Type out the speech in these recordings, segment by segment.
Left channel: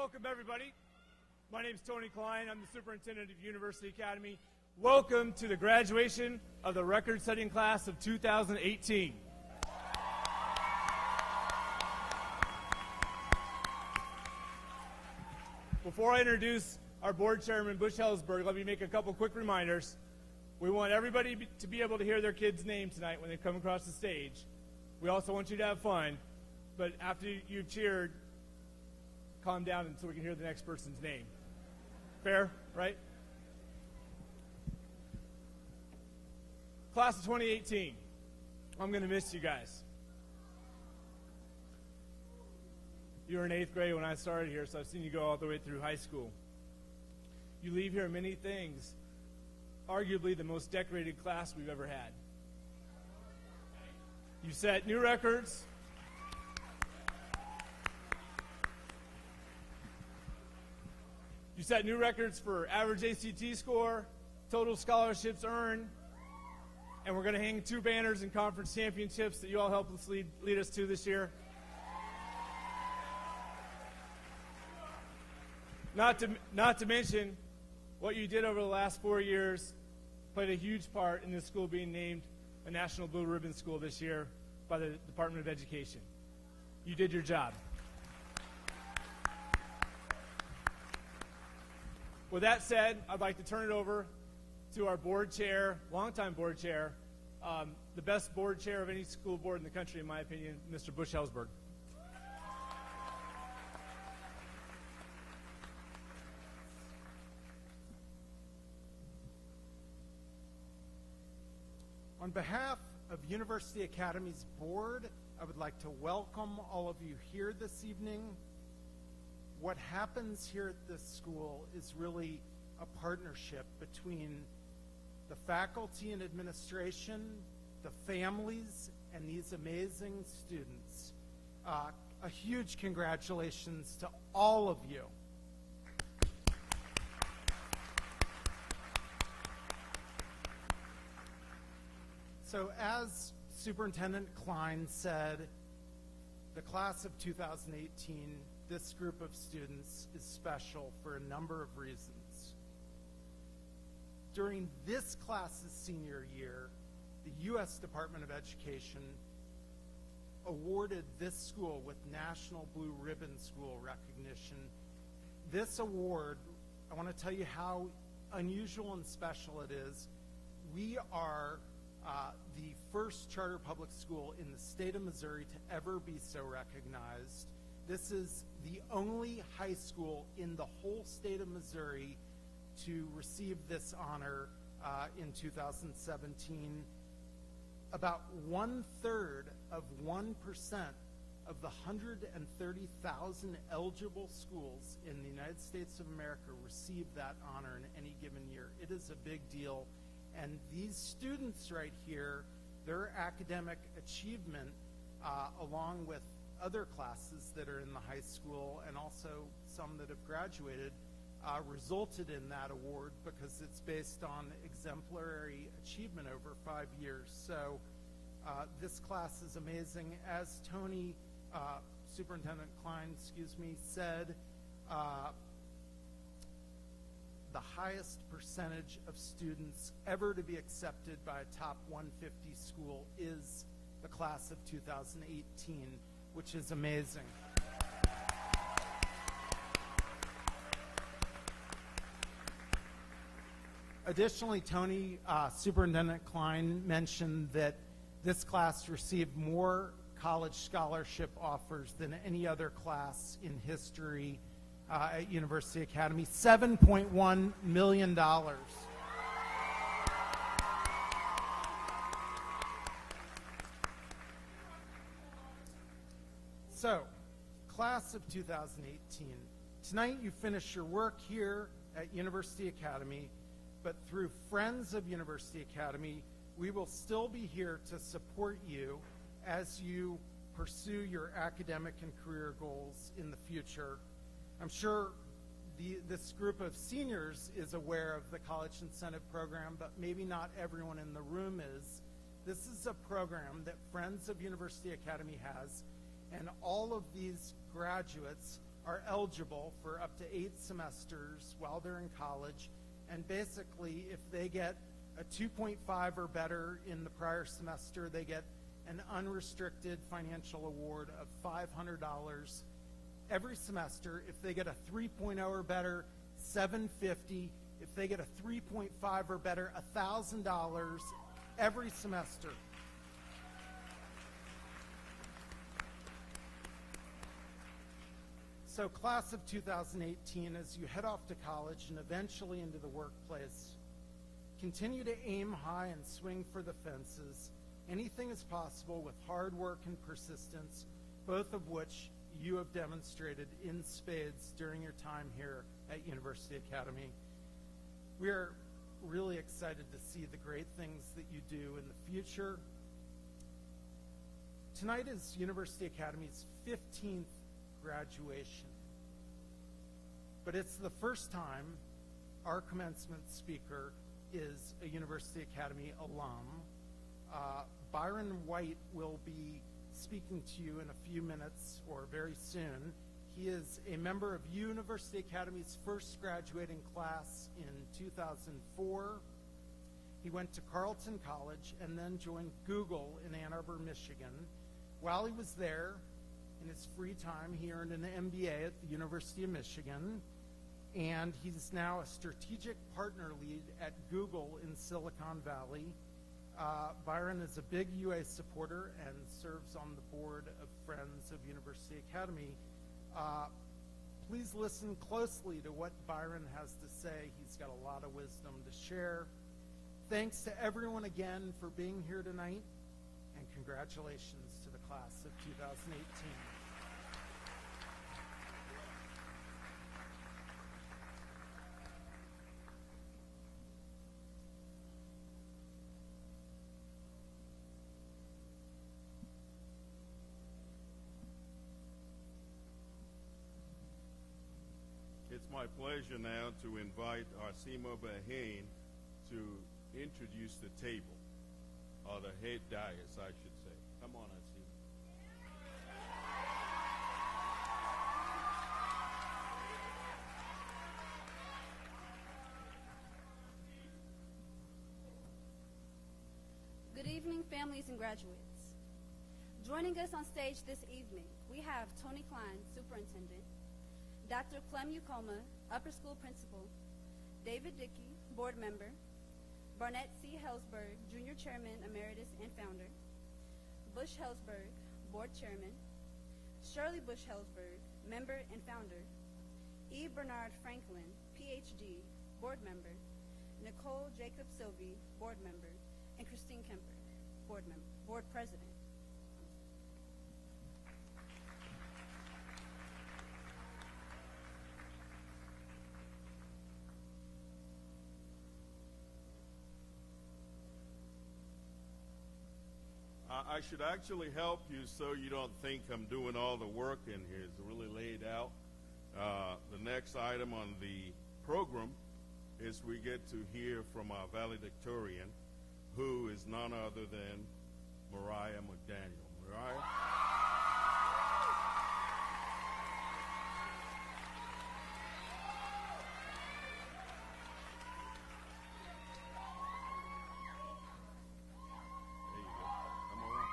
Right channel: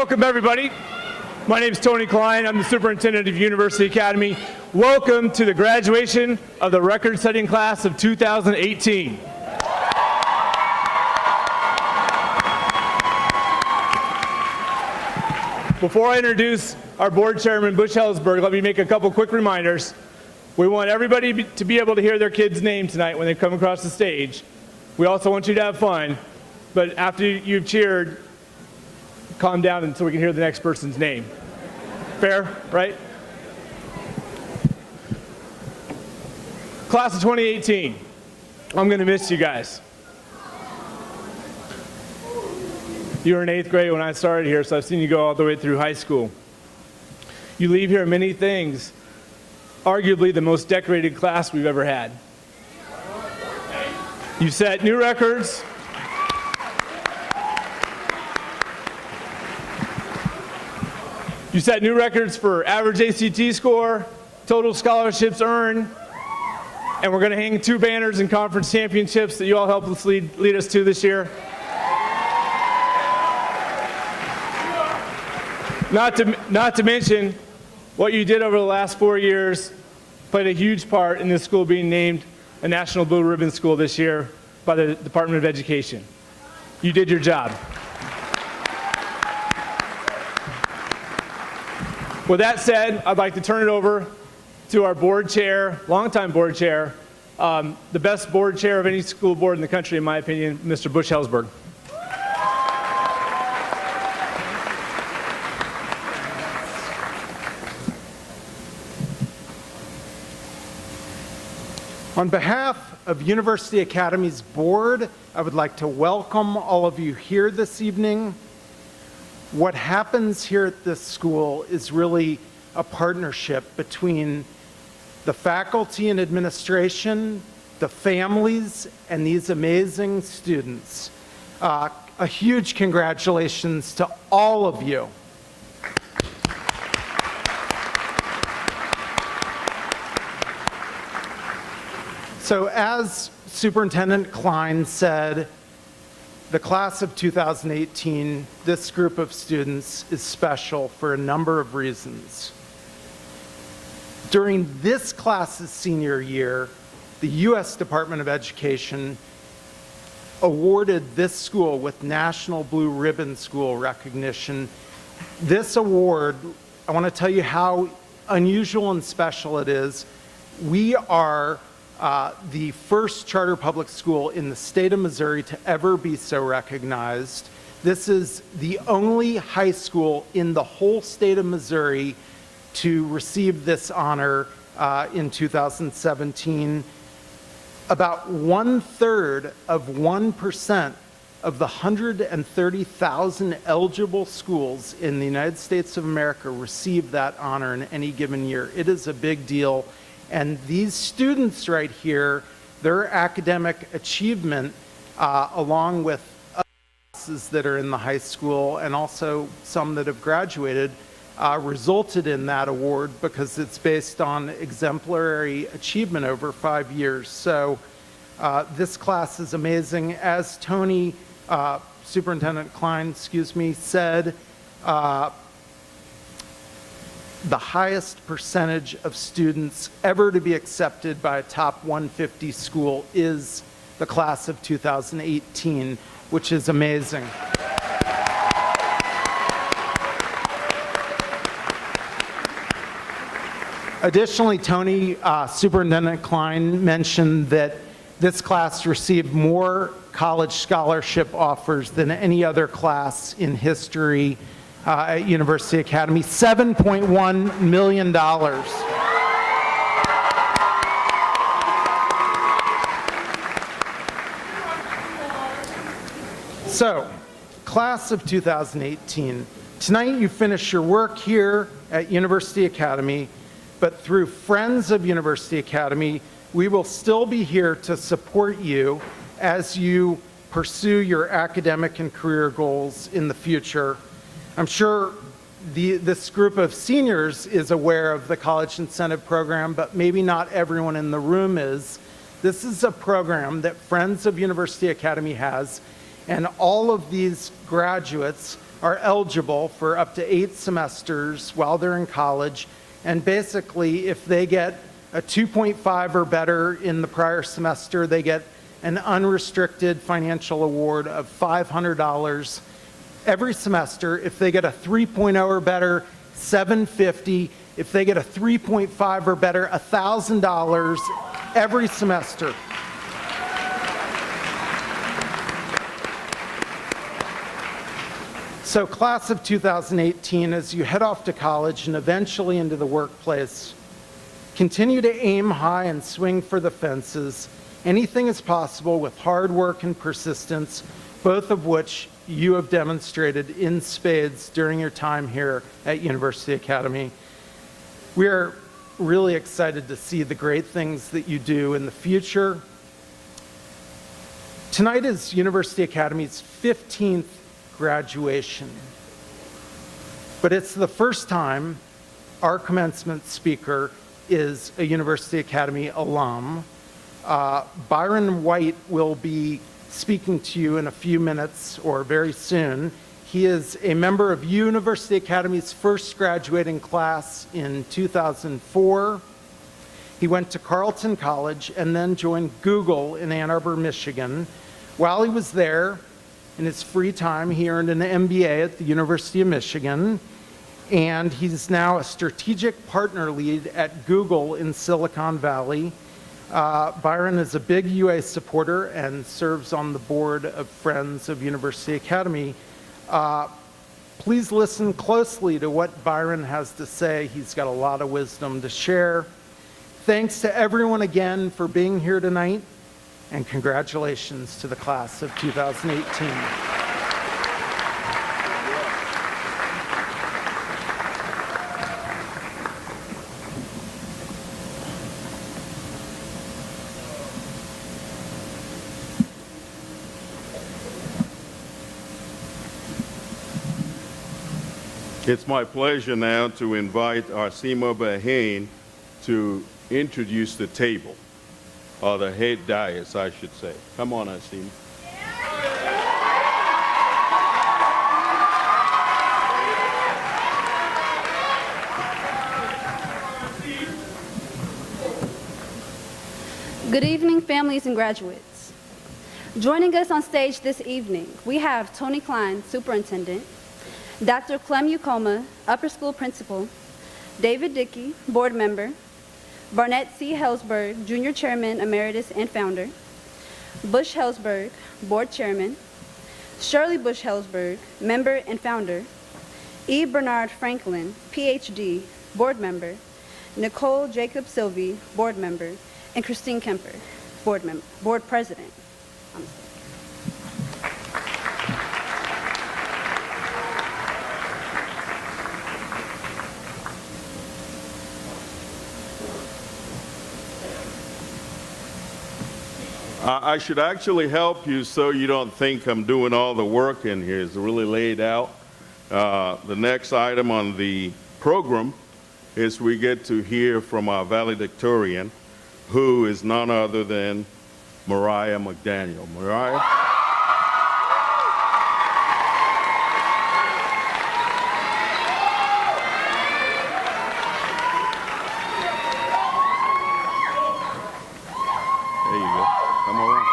Welcome, everybody. My name is Tony Klein. I'm the superintendent of University Academy. Welcome to the graduation of the record-setting class of 2018. Before I introduce our board chairman, Butch Hellsberg, let me make a couple quick reminders. We want everybody to be able to hear their kid's name tonight when they come across the stage. We also want you to have fun, but after you've cheered, calm down until we can hear the next person's name. Fair, right? Class of 2018, I'm going to miss you guys. You were in 8th grade when I started here, so I've seen you go all the way through high school. You leave here many things, arguably the most decorated class we've ever had. You set new records. You set new records for average ACT score, total scholarships earned, and we're going to hang 2 banners and conference championships that you all helped us lead us to this year. Not to mention what you did over the last 4 years played a huge part in this school being named a National Blue Ribbon School this year by the Department of Education. You did your job. With that said, I'd like to turn it over to our board chair, longtime board chair, the best board chair of any school board in the country, in my opinion, Mr. Butch Hellsberg. On behalf of University Academy's board, I would like to welcome all of you here this evening. What happens here at this school is really a partnership between the faculty and administration, the families, and these amazing students. A huge congratulations to all of you. So as Superintendent Klein said, the class of 2018, this group of students is special for a number of reasons. During this class's senior year, the U.S. Department of Education awarded this school with National Blue Ribbon School recognition. This award, I want to tell you how unusual and special it is. We are the first charter public school in the state of Missouri to ever be so recognized. This is the only high school in the whole state of Missouri to receive this honor in 2017. About 1/3 of 1% of the 130,000 eligible schools in the United States of America receive that honor in any given year. It is a big deal. And these students right here, their academic achievement, along with other classes that are in the high school and also some that have graduated, resulted in that award because it's based on exemplary achievement over 5 years. So this class is amazing. As Tony, Superintendent Klein, said, the highest percentage of students ever to be accepted by a top 150 school is the class of 2018, which is amazing. Additionally, Tony, Superintendent Klein mentioned that this class received more college scholarship offers than any other class in history at University Academy, $7.1 million. So, class of 2018, tonight you finish your work here at University Academy, but through Friends of University Academy, we will still be here to support you as you pursue your academic and career goals in the future. I'm sure this group of seniors is aware of the College Incentive Program, but maybe not everyone in the room is. This is a program that Friends of University Academy has, and all of these graduates are eligible for up to 8 semesters while they're in college. And basically, if they get a 2.5 or better in the prior semester, they get an unrestricted financial award of $500 every semester. If they get a 3.0 or better, $750. If they get a 3.5 or better, $1,000 every semester. So class of 2018, as you head off to college and eventually into the workplace, continue to aim high and swing for the fences. Anything is possible with hard work and persistence, both of which you have demonstrated in spades during your time here at University Academy. We are really excited to see the great things that you do in the future. Tonight is University Academy's 15th graduation, but it's the first time our commencement speaker is a University Academy alum. Byron White will be speaking to you in a few minutes or very soon. He is a member of University Academy's first graduating class in 2004. He went to Carleton College and then joined Google in Ann Arbor, Michigan. While he was there, in his free time, he earned an MBA at the University of Michigan, and he's now a strategic partner lead at Google in Silicon Valley. Byron is a big UA supporter and serves on the board of Friends of University Academy. Please listen closely to what Byron has to say. He's got a lot of wisdom to share. Thanks to everyone again for being here tonight, and congratulations to the class of 2018. It's my pleasure now to invite Arsima Bahane to introduce the table, or the head dais, I should say. Come on, Arsima. Good evening, families and graduates. Joining us on stage this evening, we have Tony Klein, Superintendent, Dr. Clem Ukoma, Upper School Principal, David Dickey, Board Member, Barnett C. Hellsberg, Junior Chairman, Emeritus and Founder, Bush Hellsberg, Board Chairman, Shirley Bush Hellsberg, Member and Founder, E. Bernard Franklin, PhD, Board Member, Nicole Jacob Sylvie, Board Member, and Christine Kemper, Board President. I should actually help you so you don't think I'm doing all the work in here. It's really laid out. The next item on the program is we get to hear from our valedictorian, who is none other than Mariah Mcdaniel. Mariah? There you go. Come on.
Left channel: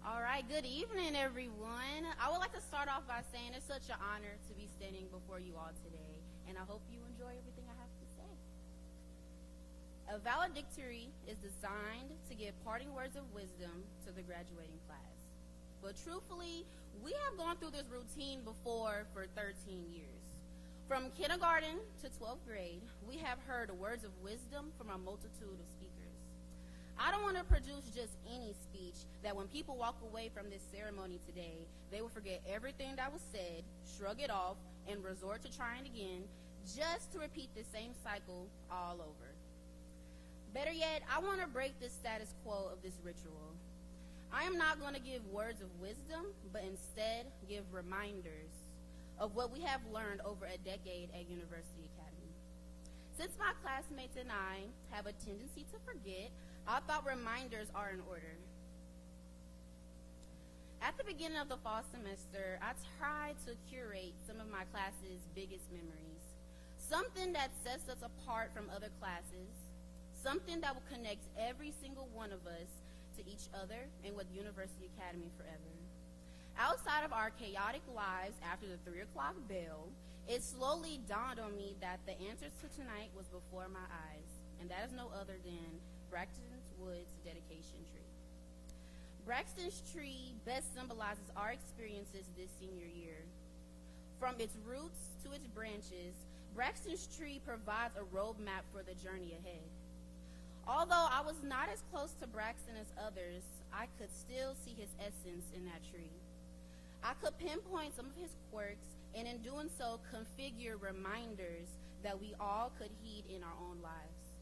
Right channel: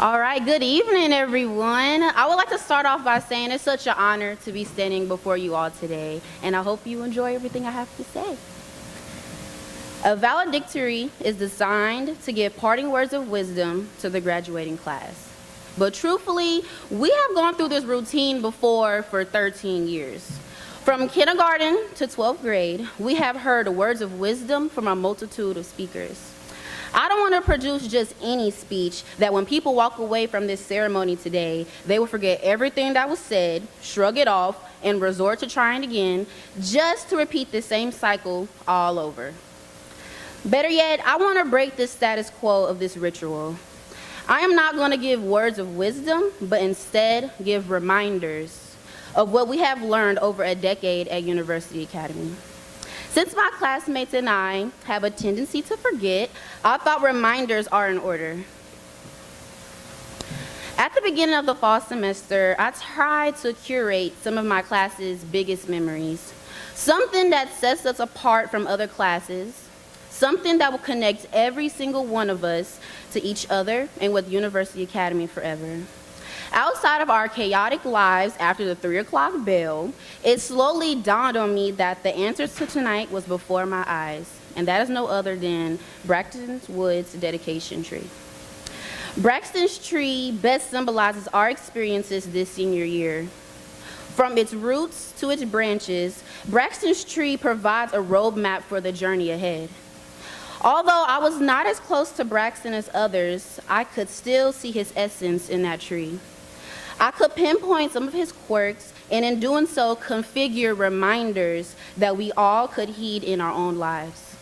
All right, good evening, everyone. I would like to start off by saying it's such an honor to be standing before you all today, and I hope you enjoy everything I have to say. A valedictory is designed to give parting words of wisdom to the graduating class. But truthfully, we have gone through this routine before for 13 years. From kindergarten to 12th grade, we have heard words of wisdom from a multitude of speakers. I don't want to produce just any speech that when people walk away from this ceremony today, they will forget everything that was said, shrug it off, and resort to trying again, just to repeat the same cycle all over. Better yet, I want to break the status quo of this ritual. I am not going to give words of wisdom, but instead give reminders of what we have learned over a decade at University Academy. Since my classmates and I have a tendency to forget, I thought reminders are in order. At the beginning of the fall semester, I tried to curate some of my class's biggest memories, something that sets us apart from other classes, something that will connect every single one of us to each other and with University Academy forever. Outside of our chaotic lives after the 3 o'clock bell, it slowly dawned on me that the answer to tonight was before my eyes, and that is no other than Braxton Wood's dedication tree. Braxton's tree best symbolizes our experiences this senior year. From its roots to its branches, Braxton's tree provides a roadmap for the journey ahead. Although I was not as close to Braxton as others, I could still see his essence in that tree. I could pinpoint some of his quirks, and in doing so, configure reminders that we all could heed in our own lives.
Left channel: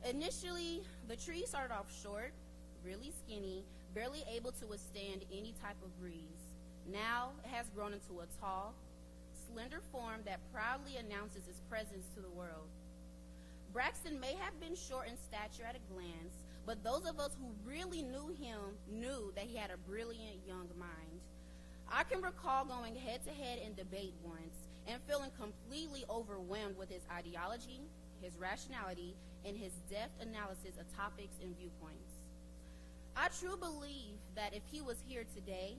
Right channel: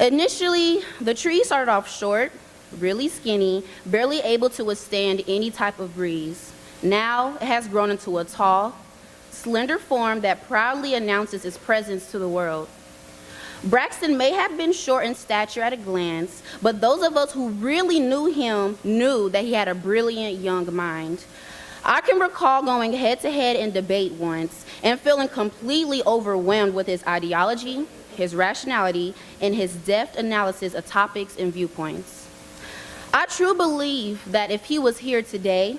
Initially, the tree started off short, really skinny, barely able to withstand any type of breeze. Now, it has grown into a tall, slender form that proudly announces its presence to the world. Braxton may have been short in stature at a glance, but those of us who really knew him knew that he had a brilliant young mind. I can recall going head-to-head in debate once and feeling completely overwhelmed with his ideology, his rationality, and his deft analysis of topics and viewpoints. I truly believe that if he was here today,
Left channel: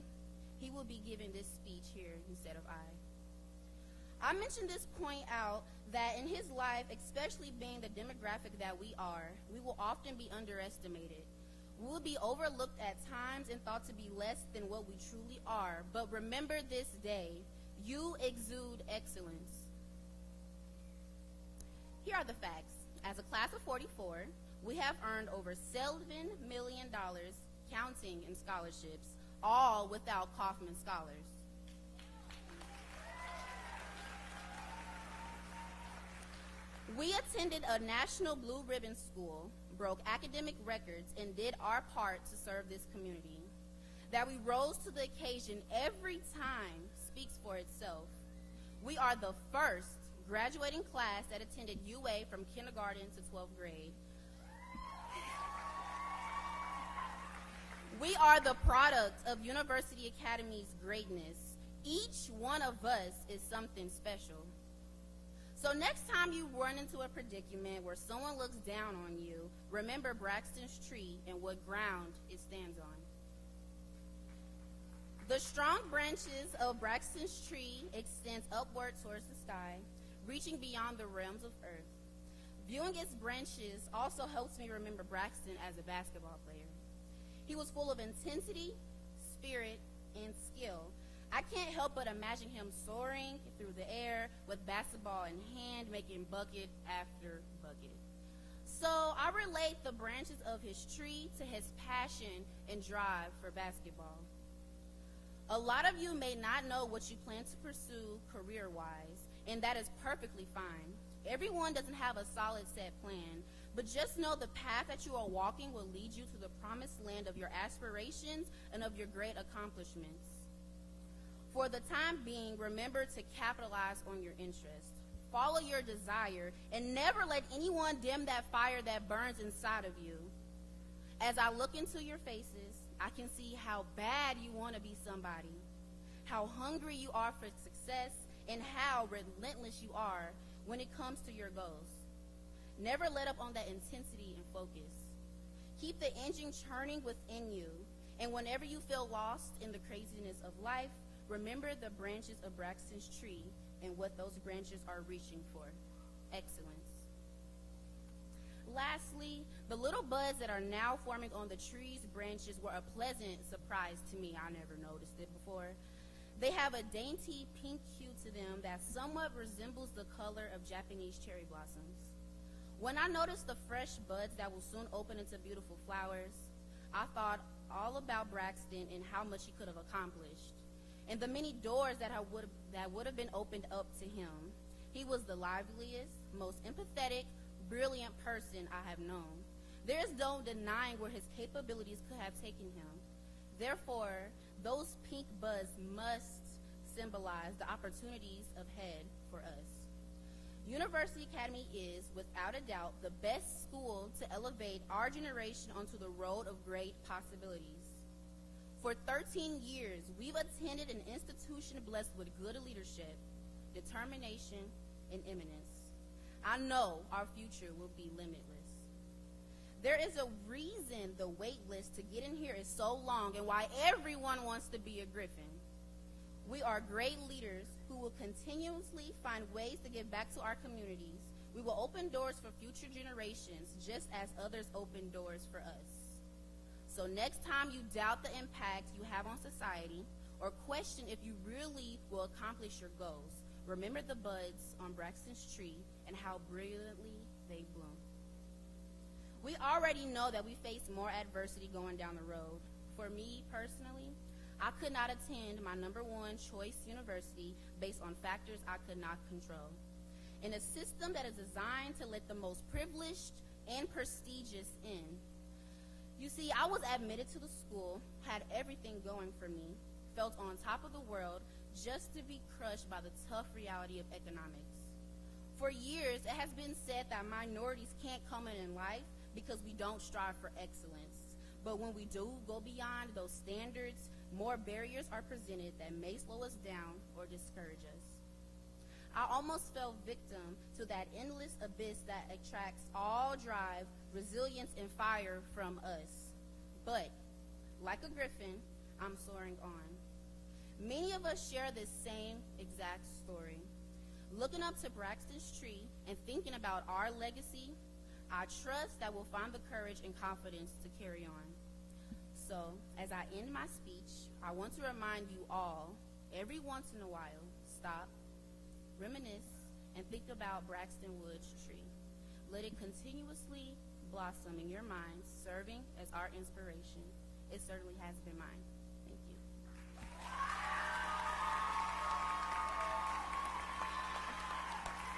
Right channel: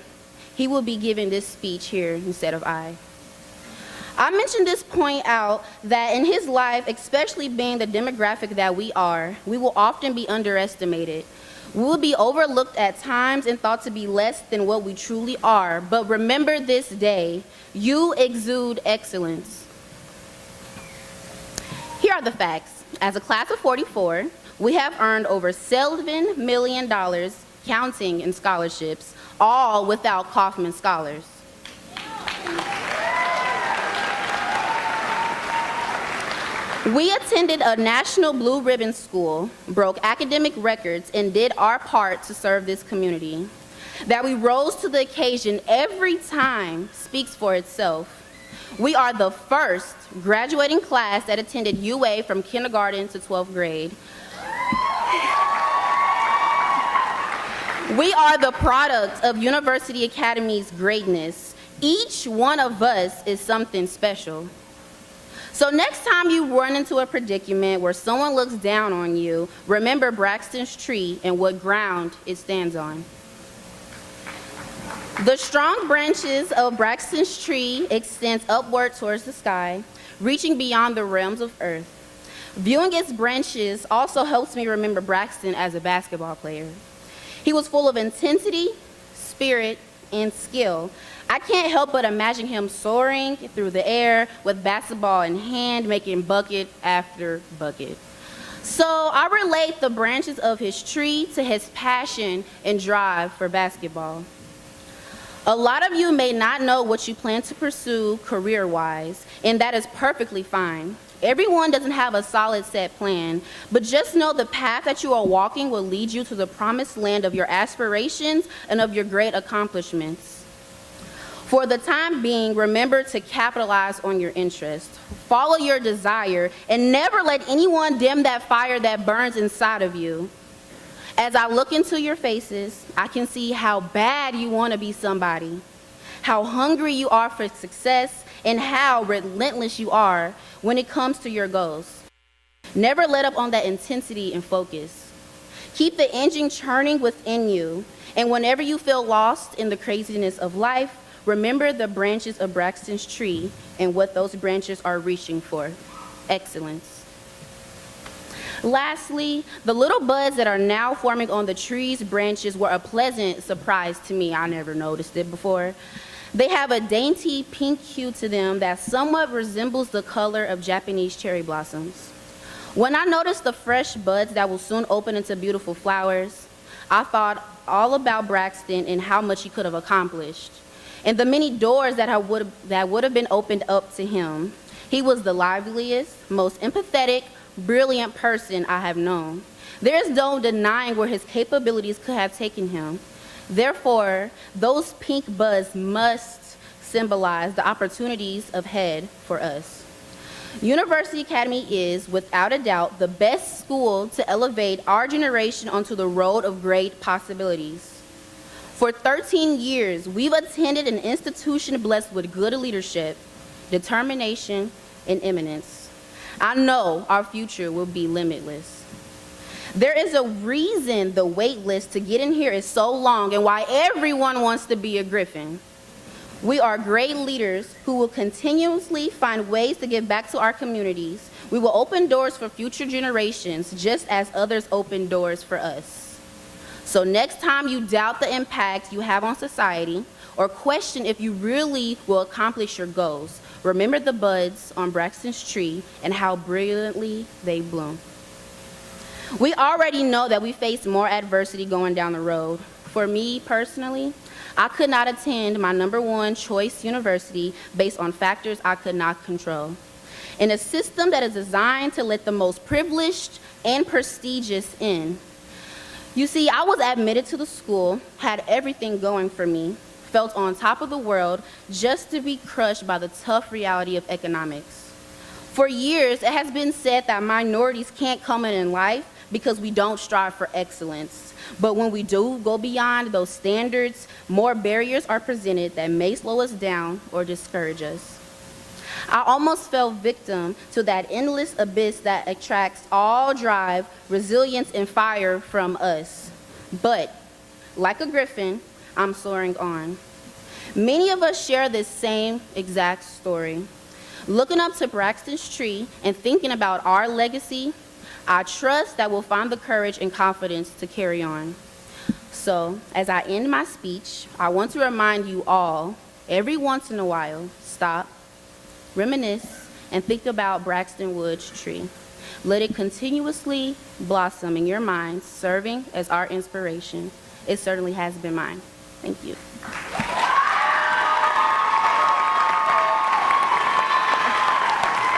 he would be giving this speech here instead of I. I mentioned this point out that in his life, especially being the demographic that we are, we will often be underestimated. We will be overlooked at times and thought to be less than what we truly are. But remember this day, you exude excellence. Here are the facts. As a class of 44, we have earned over $7 million, counting in scholarships, all without Kaufman scholars. We attended a national blue ribbon school, broke academic records, and did our part to serve this community. That we rose to the occasion every time speaks for itself. We are the first graduating class that attended UA from kindergarten to 12th grade. We are the product of University Academy's greatness. Each one of us is something special. So next time you run into a predicament where someone looks down on you, remember Braxton's tree and what ground it stands on. The strong branches of Braxton's tree extends upward towards the sky, reaching beyond the realms of earth. Viewing its branches also helps me remember Braxton as a basketball player. He was full of intensity, spirit, and skill. I can't help but imagine him soaring through the air with basketball in hand, making bucket after bucket. So I relate the branches of his tree to his passion and drive for basketball. A lot of you may not know what you plan to pursue career-wise, and that is perfectly fine. Everyone doesn't have a solid set plan, but just know the path that you are walking will lead you to the promised land of your aspirations and of your great accomplishments. For the time being, remember to capitalize on your interest. Follow your desire, and never let anyone dim that fire that burns inside of you. As I look into your faces, I can see how bad you want to be somebody, how hungry you are for success, and how relentless you are when it comes to your goals. Never let up on that intensity and focus. Keep the engine churning within you, and whenever you feel lost in the craziness of life, remember the branches of Braxton's tree and what those branches are reaching for: excellence. Lastly, the little buds that are now forming on the tree's branches were a pleasant surprise to me. I never noticed it before. They have a dainty pink hue to them that somewhat resembles the color of Japanese cherry blossoms. When I noticed the fresh buds that will soon open into beautiful flowers, I thought all about Braxton and how much he could have accomplished, and the many doors that would have been opened up to him. He was the liveliest, most empathetic, brilliant person I have known. There is no denying where his capabilities could have taken him. Therefore, those pink buds must symbolize the opportunities ahead for us. University Academy is, without a doubt, the best school to elevate our generation onto the road of great possibilities. For 13 years, we've attended an institution blessed with good leadership, determination, and eminence. I know our future will be limitless. There is a reason the wait list to get in here is so long and why everyone wants to be a Griffin. We are great leaders who will continuously find ways to give back to our communities. We will open doors for future generations, just as others open doors for us. So next time you doubt the impact you have on society, or question if you really will accomplish your goals, remember the buds on Braxton's tree and how brilliantly they bloom. We already know that we face more adversity going down the road. For me personally, I could not attend my #1 choice university based on factors I could not control. In a system that is designed to let the most privileged and prestigious in. You see, I was admitted to the school, had everything going for me, felt on top of the world, just to be crushed by the tough reality of economics. For years, it has been said that minorities can't come in life because we don't strive for excellence. But when we do go beyond those standards, more barriers are presented that may slow us down or discourage us. I almost fell victim to that endless abyss that attracts all drive, resilience, and fire from us. But, like a griffin, I'm soaring on. Many of us share this same exact story. Looking up to Braxton's tree and thinking about our legacy, I trust that we'll find the courage and confidence to carry on. So, as I end my speech, I want to remind you all, every once in a while, stop, reminisce, and think about Braxton Wood's tree. Let it continuously blossom in your minds, serving as our inspiration. It certainly has been mine. Thank you.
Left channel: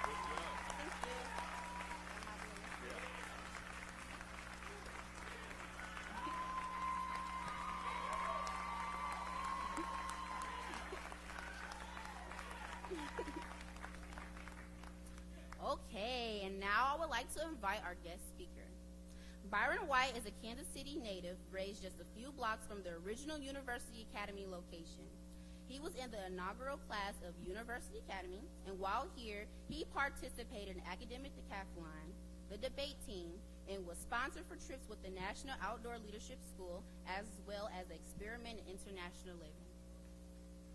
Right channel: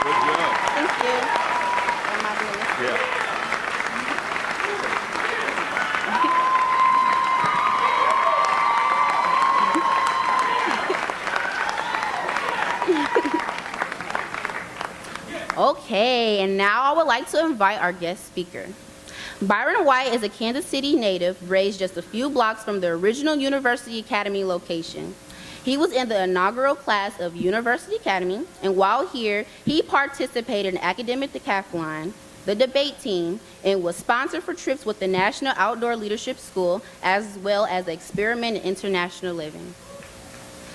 Good job. Thank you. Am I doing this? Yeah. Okay, and now I would like to invite our guest speaker. Byron White is a Kansas City native, raised just a few blocks from the original University Academy location. He was in the inaugural class of University Academy, and while here, he participated in academic decathlon, the debate team, and was sponsored for trips with the National Outdoor Leadership School, as well as the Experiment in International Living.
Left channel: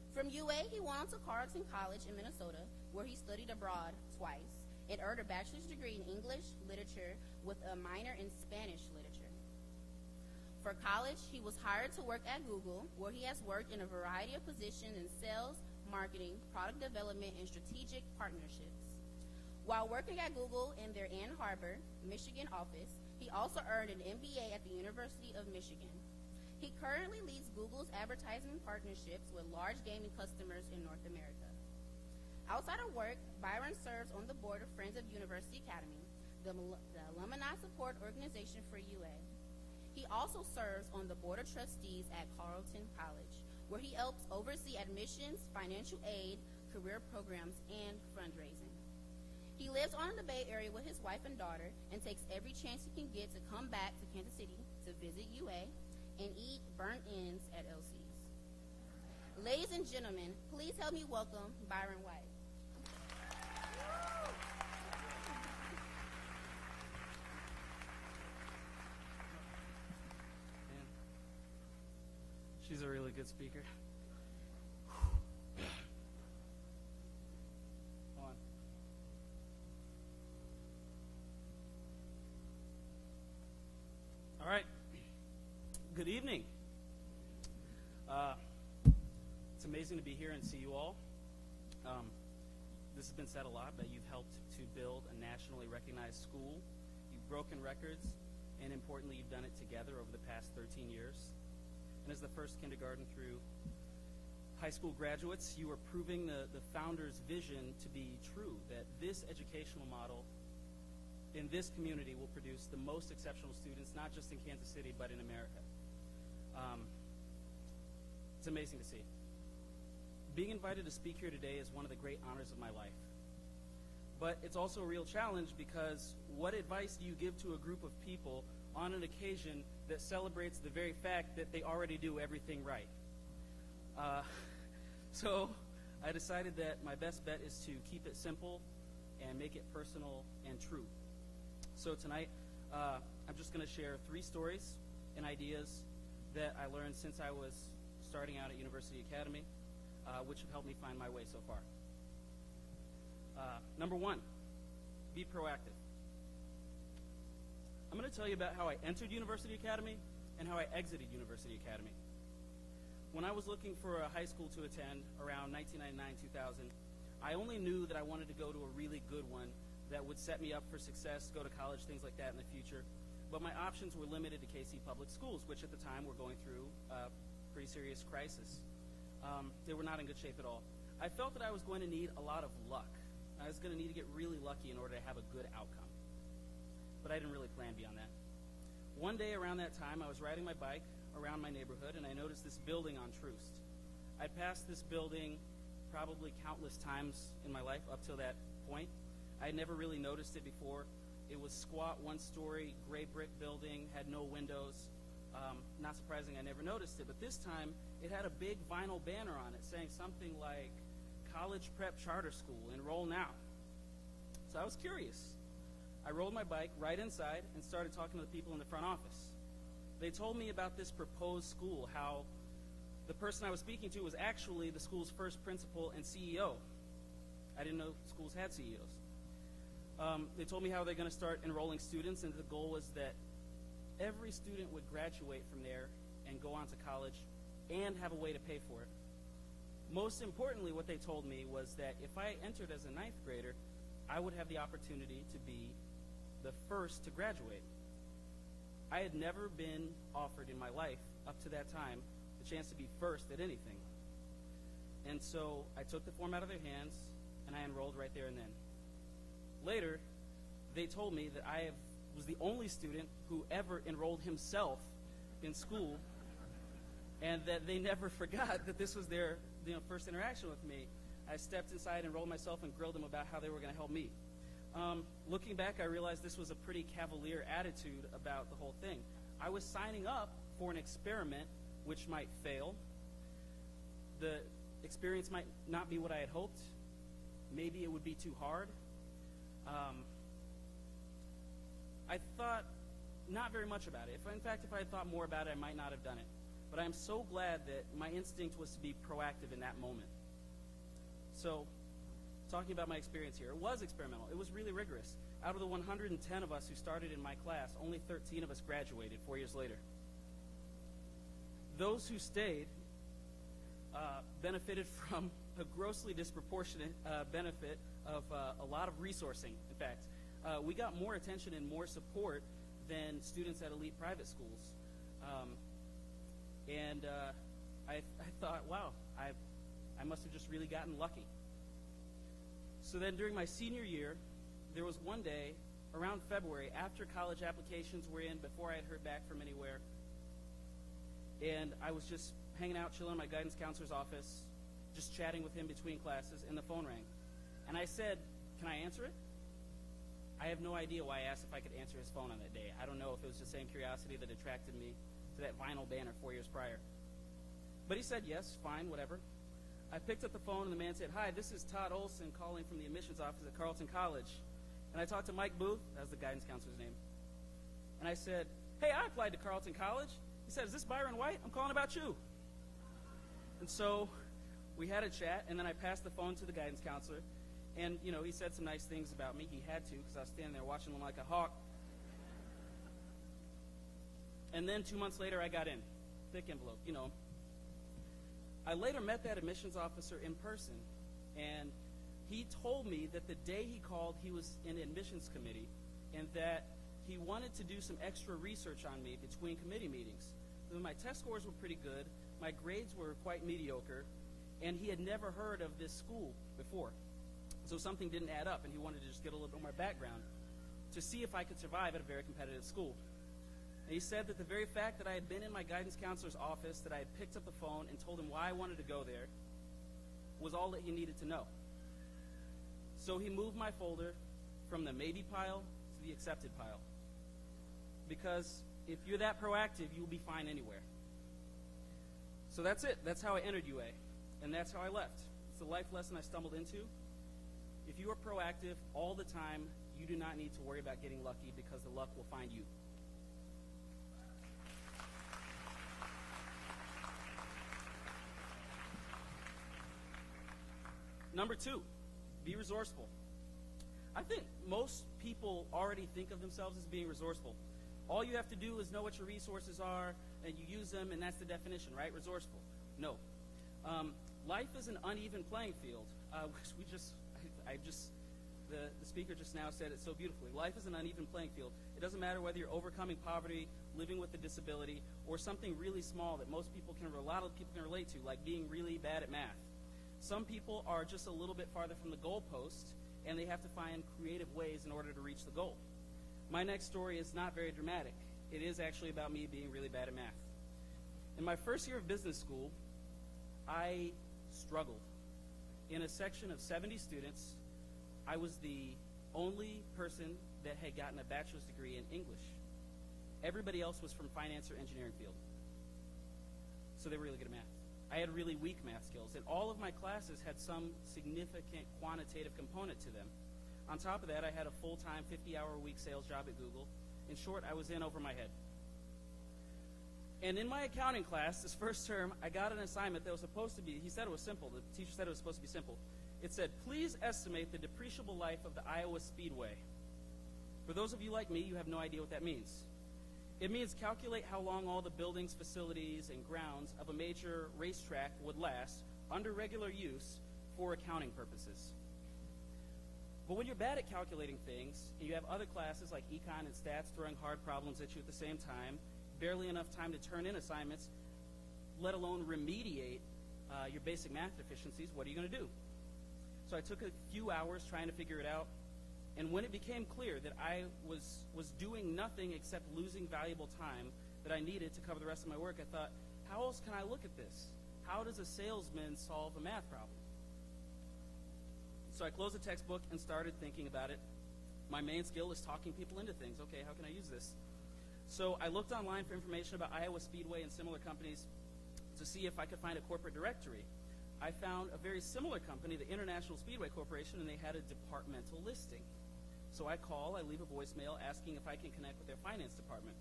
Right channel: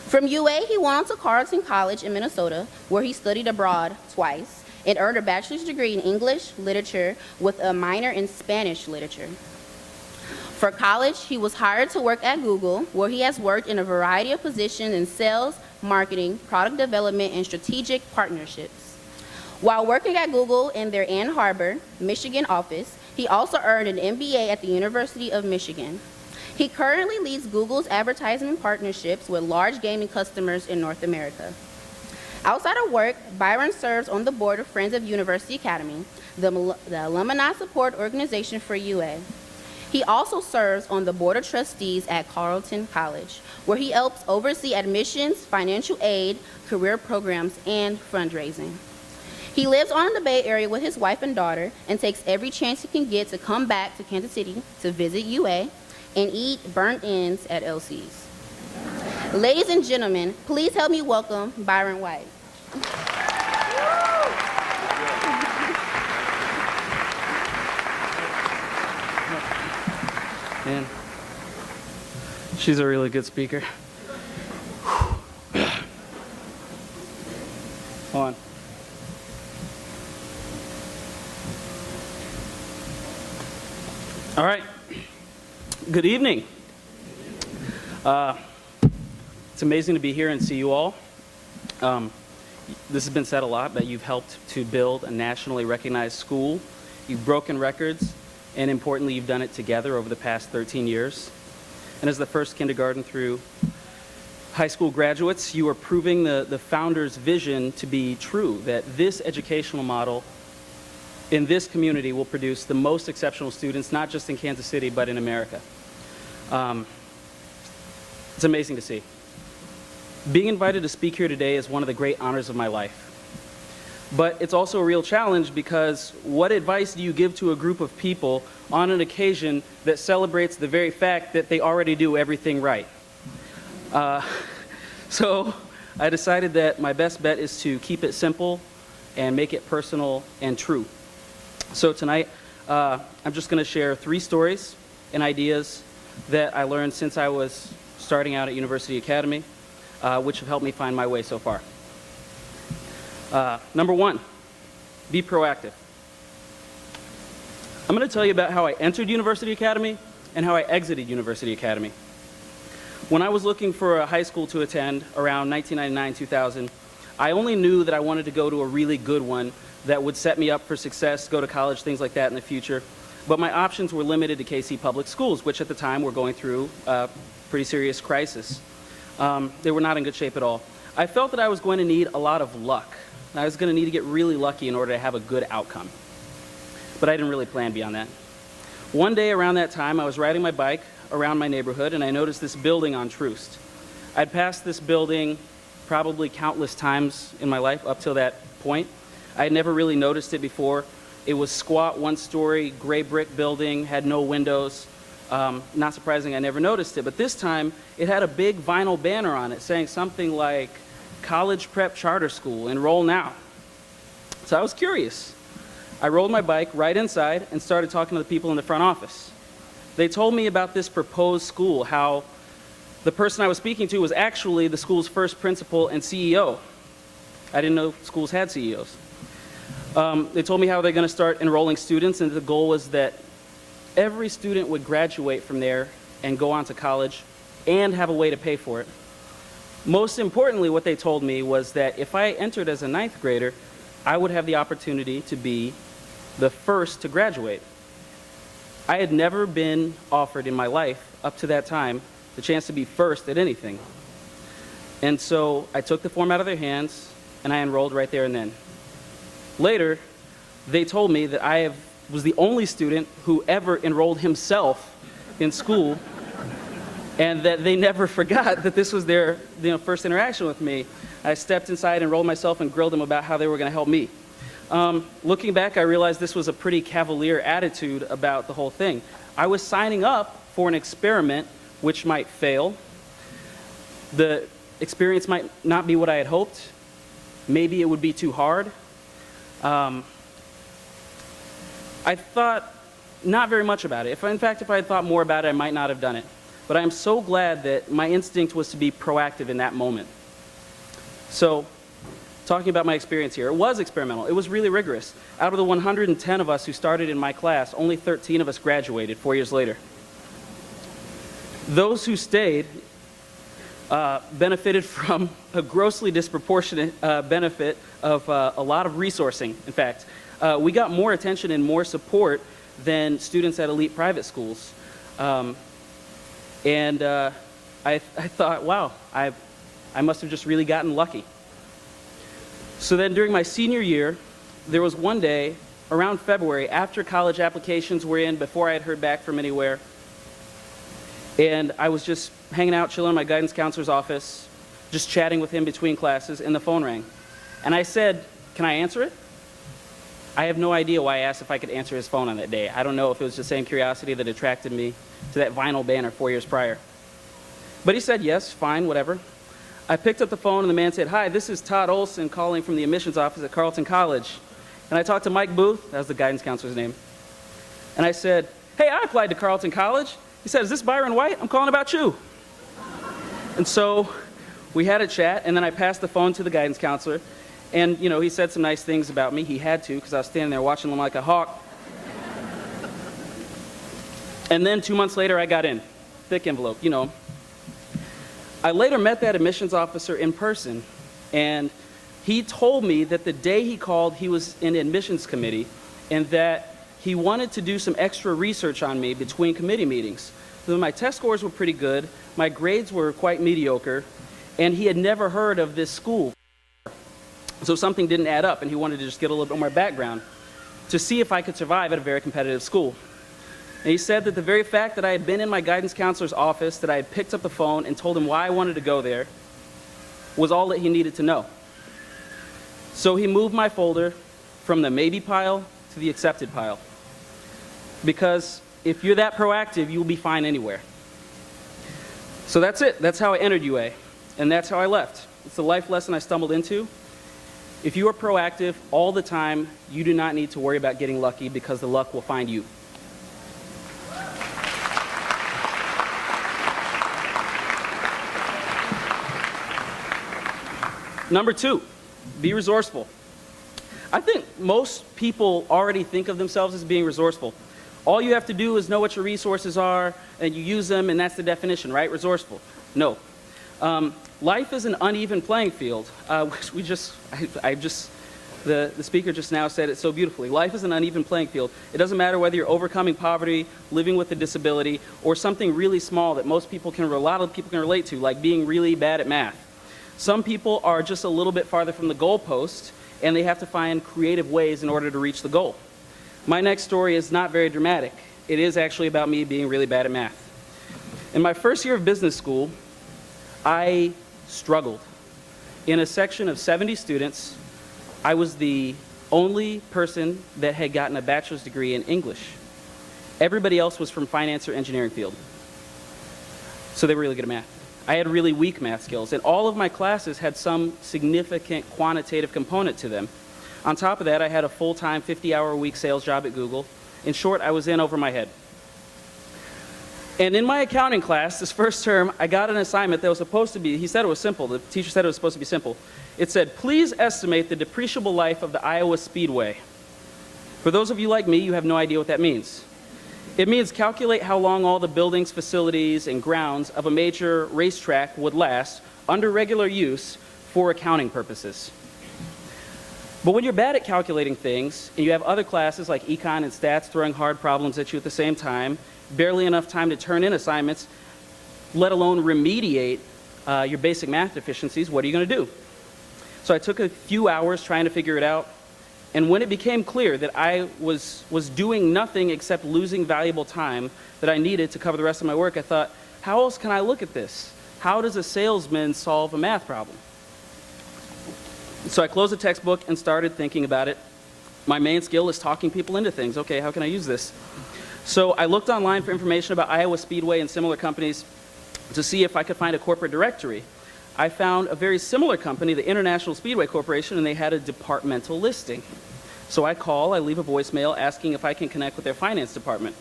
From UA, he went on to Carleton College in Minnesota, where he studied abroad twice, and earned a bachelor's degree in English literature with a minor in Spanish literature. For college, he was hired to work at Google, where he has worked in a variety of positions in sales, marketing, product development, and strategic partnerships. While working at Google in their Ann Arbor, Michigan office, he also earned an MBA at the University of Michigan. He currently leads Google's advertising partnerships with large gaming customers in North America. Outside of work, Byron serves on the board of Friends of University Academy, the alumni support organization for UA. He also serves on the board of trustees at Carleton College, where he helps oversee admissions, financial aid, career programs, and fundraising. He lives on in the Bay Area with his wife and daughter and takes every chance he can get to come back to Kansas City to visit UA and eat burnt ends at LC's. Ladies and gentlemen, please help me welcome Byron White. Man, she's a really good speaker. Hold on. All right. Good evening. It's amazing to be here and see you all. This has been said a lot, but you've helped to build a nationally recognized school. You've broken records, and importantly, you've done it together over the past 13 years. And as the first kindergarten through high school graduates, you are proving the founder's vision to be true, that this educational model in this community will produce the most exceptional students, not just in Kansas City, but in America. It's amazing to see. Being invited to speak here today is one of the great honors of my life. But it's also a real challenge because what advice do you give to a group of people on an occasion that celebrates the very fact that they already do everything right? So I decided that my best bet is to keep it simple and make it personal and true. So tonight, I'm just going to share 3 stories and ideas that I learned since I was starting out at University Academy, which have helped me find my way so far. Number 1, be proactive. I'm going to tell you about how I entered University Academy and how I exited University Academy. When I was looking for a high school to attend around 1999-2000, I only knew that I wanted to go to a really good one that would set me up for success, go to college, things like that in the future. But my options were limited to KC Public Schools, which at the time were going through a pretty serious crisis. They were not in good shape at all. I felt that I was going to need a lot of luck. I was going to need to get really lucky in order to have a good outcome. But I didn't really plan beyond that. One day around that time, I was riding my bike around my neighborhood, and I noticed this building on Troost. I'd passed this building probably countless times in my life up till that point. I had never really noticed it before. It was squat, 1-story, gray brick building, had no windows. Not surprising, I never noticed it. But this time, it had a big vinyl banner on it saying something like, College Prep Charter School, enroll now. So I was curious. I rolled my bike right inside and started talking to the people in the front office. They told me about this proposed school, how the person I was speaking to was actually the school's first principal and CEO. I didn't know schools had CEOs. They told me how they're going to start enrolling students, and the goal was that every student would graduate from there and go on to college and have a way to pay for it. Most importantly, what they told me was that if I entered as a 9th grader, I would have the opportunity to be the first to graduate. I had never been offered in my life, up to that time, the chance to be first at anything. And so I took the form out of their hands, and I enrolled right there and then. Later, they told me that I was the only student who ever enrolled himself in school, and that they never forgot that this was their first interaction with me. I stepped inside, enrolled myself, and grilled them about how they were going to help me. Looking back, I realized this was a pretty cavalier attitude about the whole thing. I was signing up for an experiment which might fail. The experience might not be what I had hoped. Maybe it would be too hard. I thought not very much about it. In fact, if I had thought more about it, I might not have done it. But I am so glad that my instinct was to be proactive in that moment. So, talking about my experience here, it was experimental. It was really rigorous. Out of the 110 of us who started in my class, only 13 of us graduated 4 years later. Those who stayed benefited from a grossly disproportionate benefit of a lot of resourcing. In fact, we got more attention and more support than students at elite private schools. I thought, wow, I must have just really gotten lucky. So then during my senior year, there was one day around February, after college applications were in, before I had heard back from anywhere, and I was just hanging out, chilling in my guidance counselor's office, just chatting with him between classes, and the phone rang. And I said, can I answer it? I have no idea why I asked if I could answer his phone on that day. I don't know if it was the same curiosity that attracted me to that vinyl banner 4 years prior. But he said, yes, fine, whatever. I picked up the phone, and the man said, hi, this is Todd Olson calling from the admissions office at Carleton College. And I talked to Mike Booth, that was the guidance counselor's name. And I said, hey, I applied to Carleton College. He said, is this Byron White? I'm calling about you. And so we had a chat, and then I passed the phone to the guidance counselor. And, you know, he said some nice things about me. He had to, because I was standing there watching him like a hawk. And then 2 months later, I got in. Thick envelope, you know. I later met that admissions officer in person, and he told me that the day he called, he was in the admissions committee, and that he wanted to do some extra research on me between committee meetings. So my test scores were pretty good, my grades were quite mediocre, and he had never heard of this school before. So something didn't add up, and he wanted to just get a little bit more background. to see if I could survive at a very competitive school. And he said that the very fact that I had been in my guidance counselor's office, that I had picked up the phone and told him why I wanted to go there, was all that he needed to know. So he moved my folder from the maybe pile to the accepted pile. Because if you're that proactive, you'll be fine anywhere. So that's it. That's how I entered UA. And that's how I left. It's the life lesson I stumbled into. If you are proactive all the time, you do not need to worry about getting lucky because the luck will find you. Number 2, be resourceful. I think most people already think of themselves as being resourceful. All you have to do is know what your resources are, and you use them, and that's the definition, right? Resourceful. No. Life is an uneven playing field. The speaker just now said it so beautifully. Life is an uneven playing field. It doesn't matter whether you're overcoming poverty, living with a disability, or something really small that a lot of people can relate to, like being really bad at math. Some people are just a little bit farther from the goalpost, and they have to find creative ways in order to reach the goal. My next story is not very dramatic. It is actually about me being really bad at math. In my first year of business school, I struggled. In a section of 70 students, I was the only person that had gotten a bachelor's degree in English. Everybody else was from finance or engineering field. So they were really good at math. I had really weak math skills, and all of my classes had some significant quantitative component to them. On top of that, I had a full-time 50-hour-a-week sales job at Google. In short, I was in over my head. And in my accounting class, this first term, I got an assignment that was supposed to be, he said it was simple, the teacher said it was supposed to be simple. It said, please estimate the depreciable life of the Iowa Speedway. For those of you like me, you have no idea what that means. It means calculate how long all the buildings, facilities, and grounds of a major racetrack would last under regular use for accounting purposes. But when you're bad at calculating things, and you have other classes like econ and stats throwing hard problems at you at the same time, barely enough time to turn in assignments, let alone remediate your basic math deficiencies, what are you going to do? So I took a few hours trying to figure it out. And when it became clear that I was doing nothing except losing valuable time that I needed to cover the rest of my work, I thought, how else can I look at this? How does a salesman solve a math problem? So I closed the textbook and started thinking about it. My main skill is talking people into things. Okay, how can I use this? So I looked online for information about Iowa Speedway and similar companies to see if I could find a corporate directory. I found a very similar company, the International Speedway Corporation, and they had a departmental listing. So I leave a voicemail asking if I can connect with their finance department.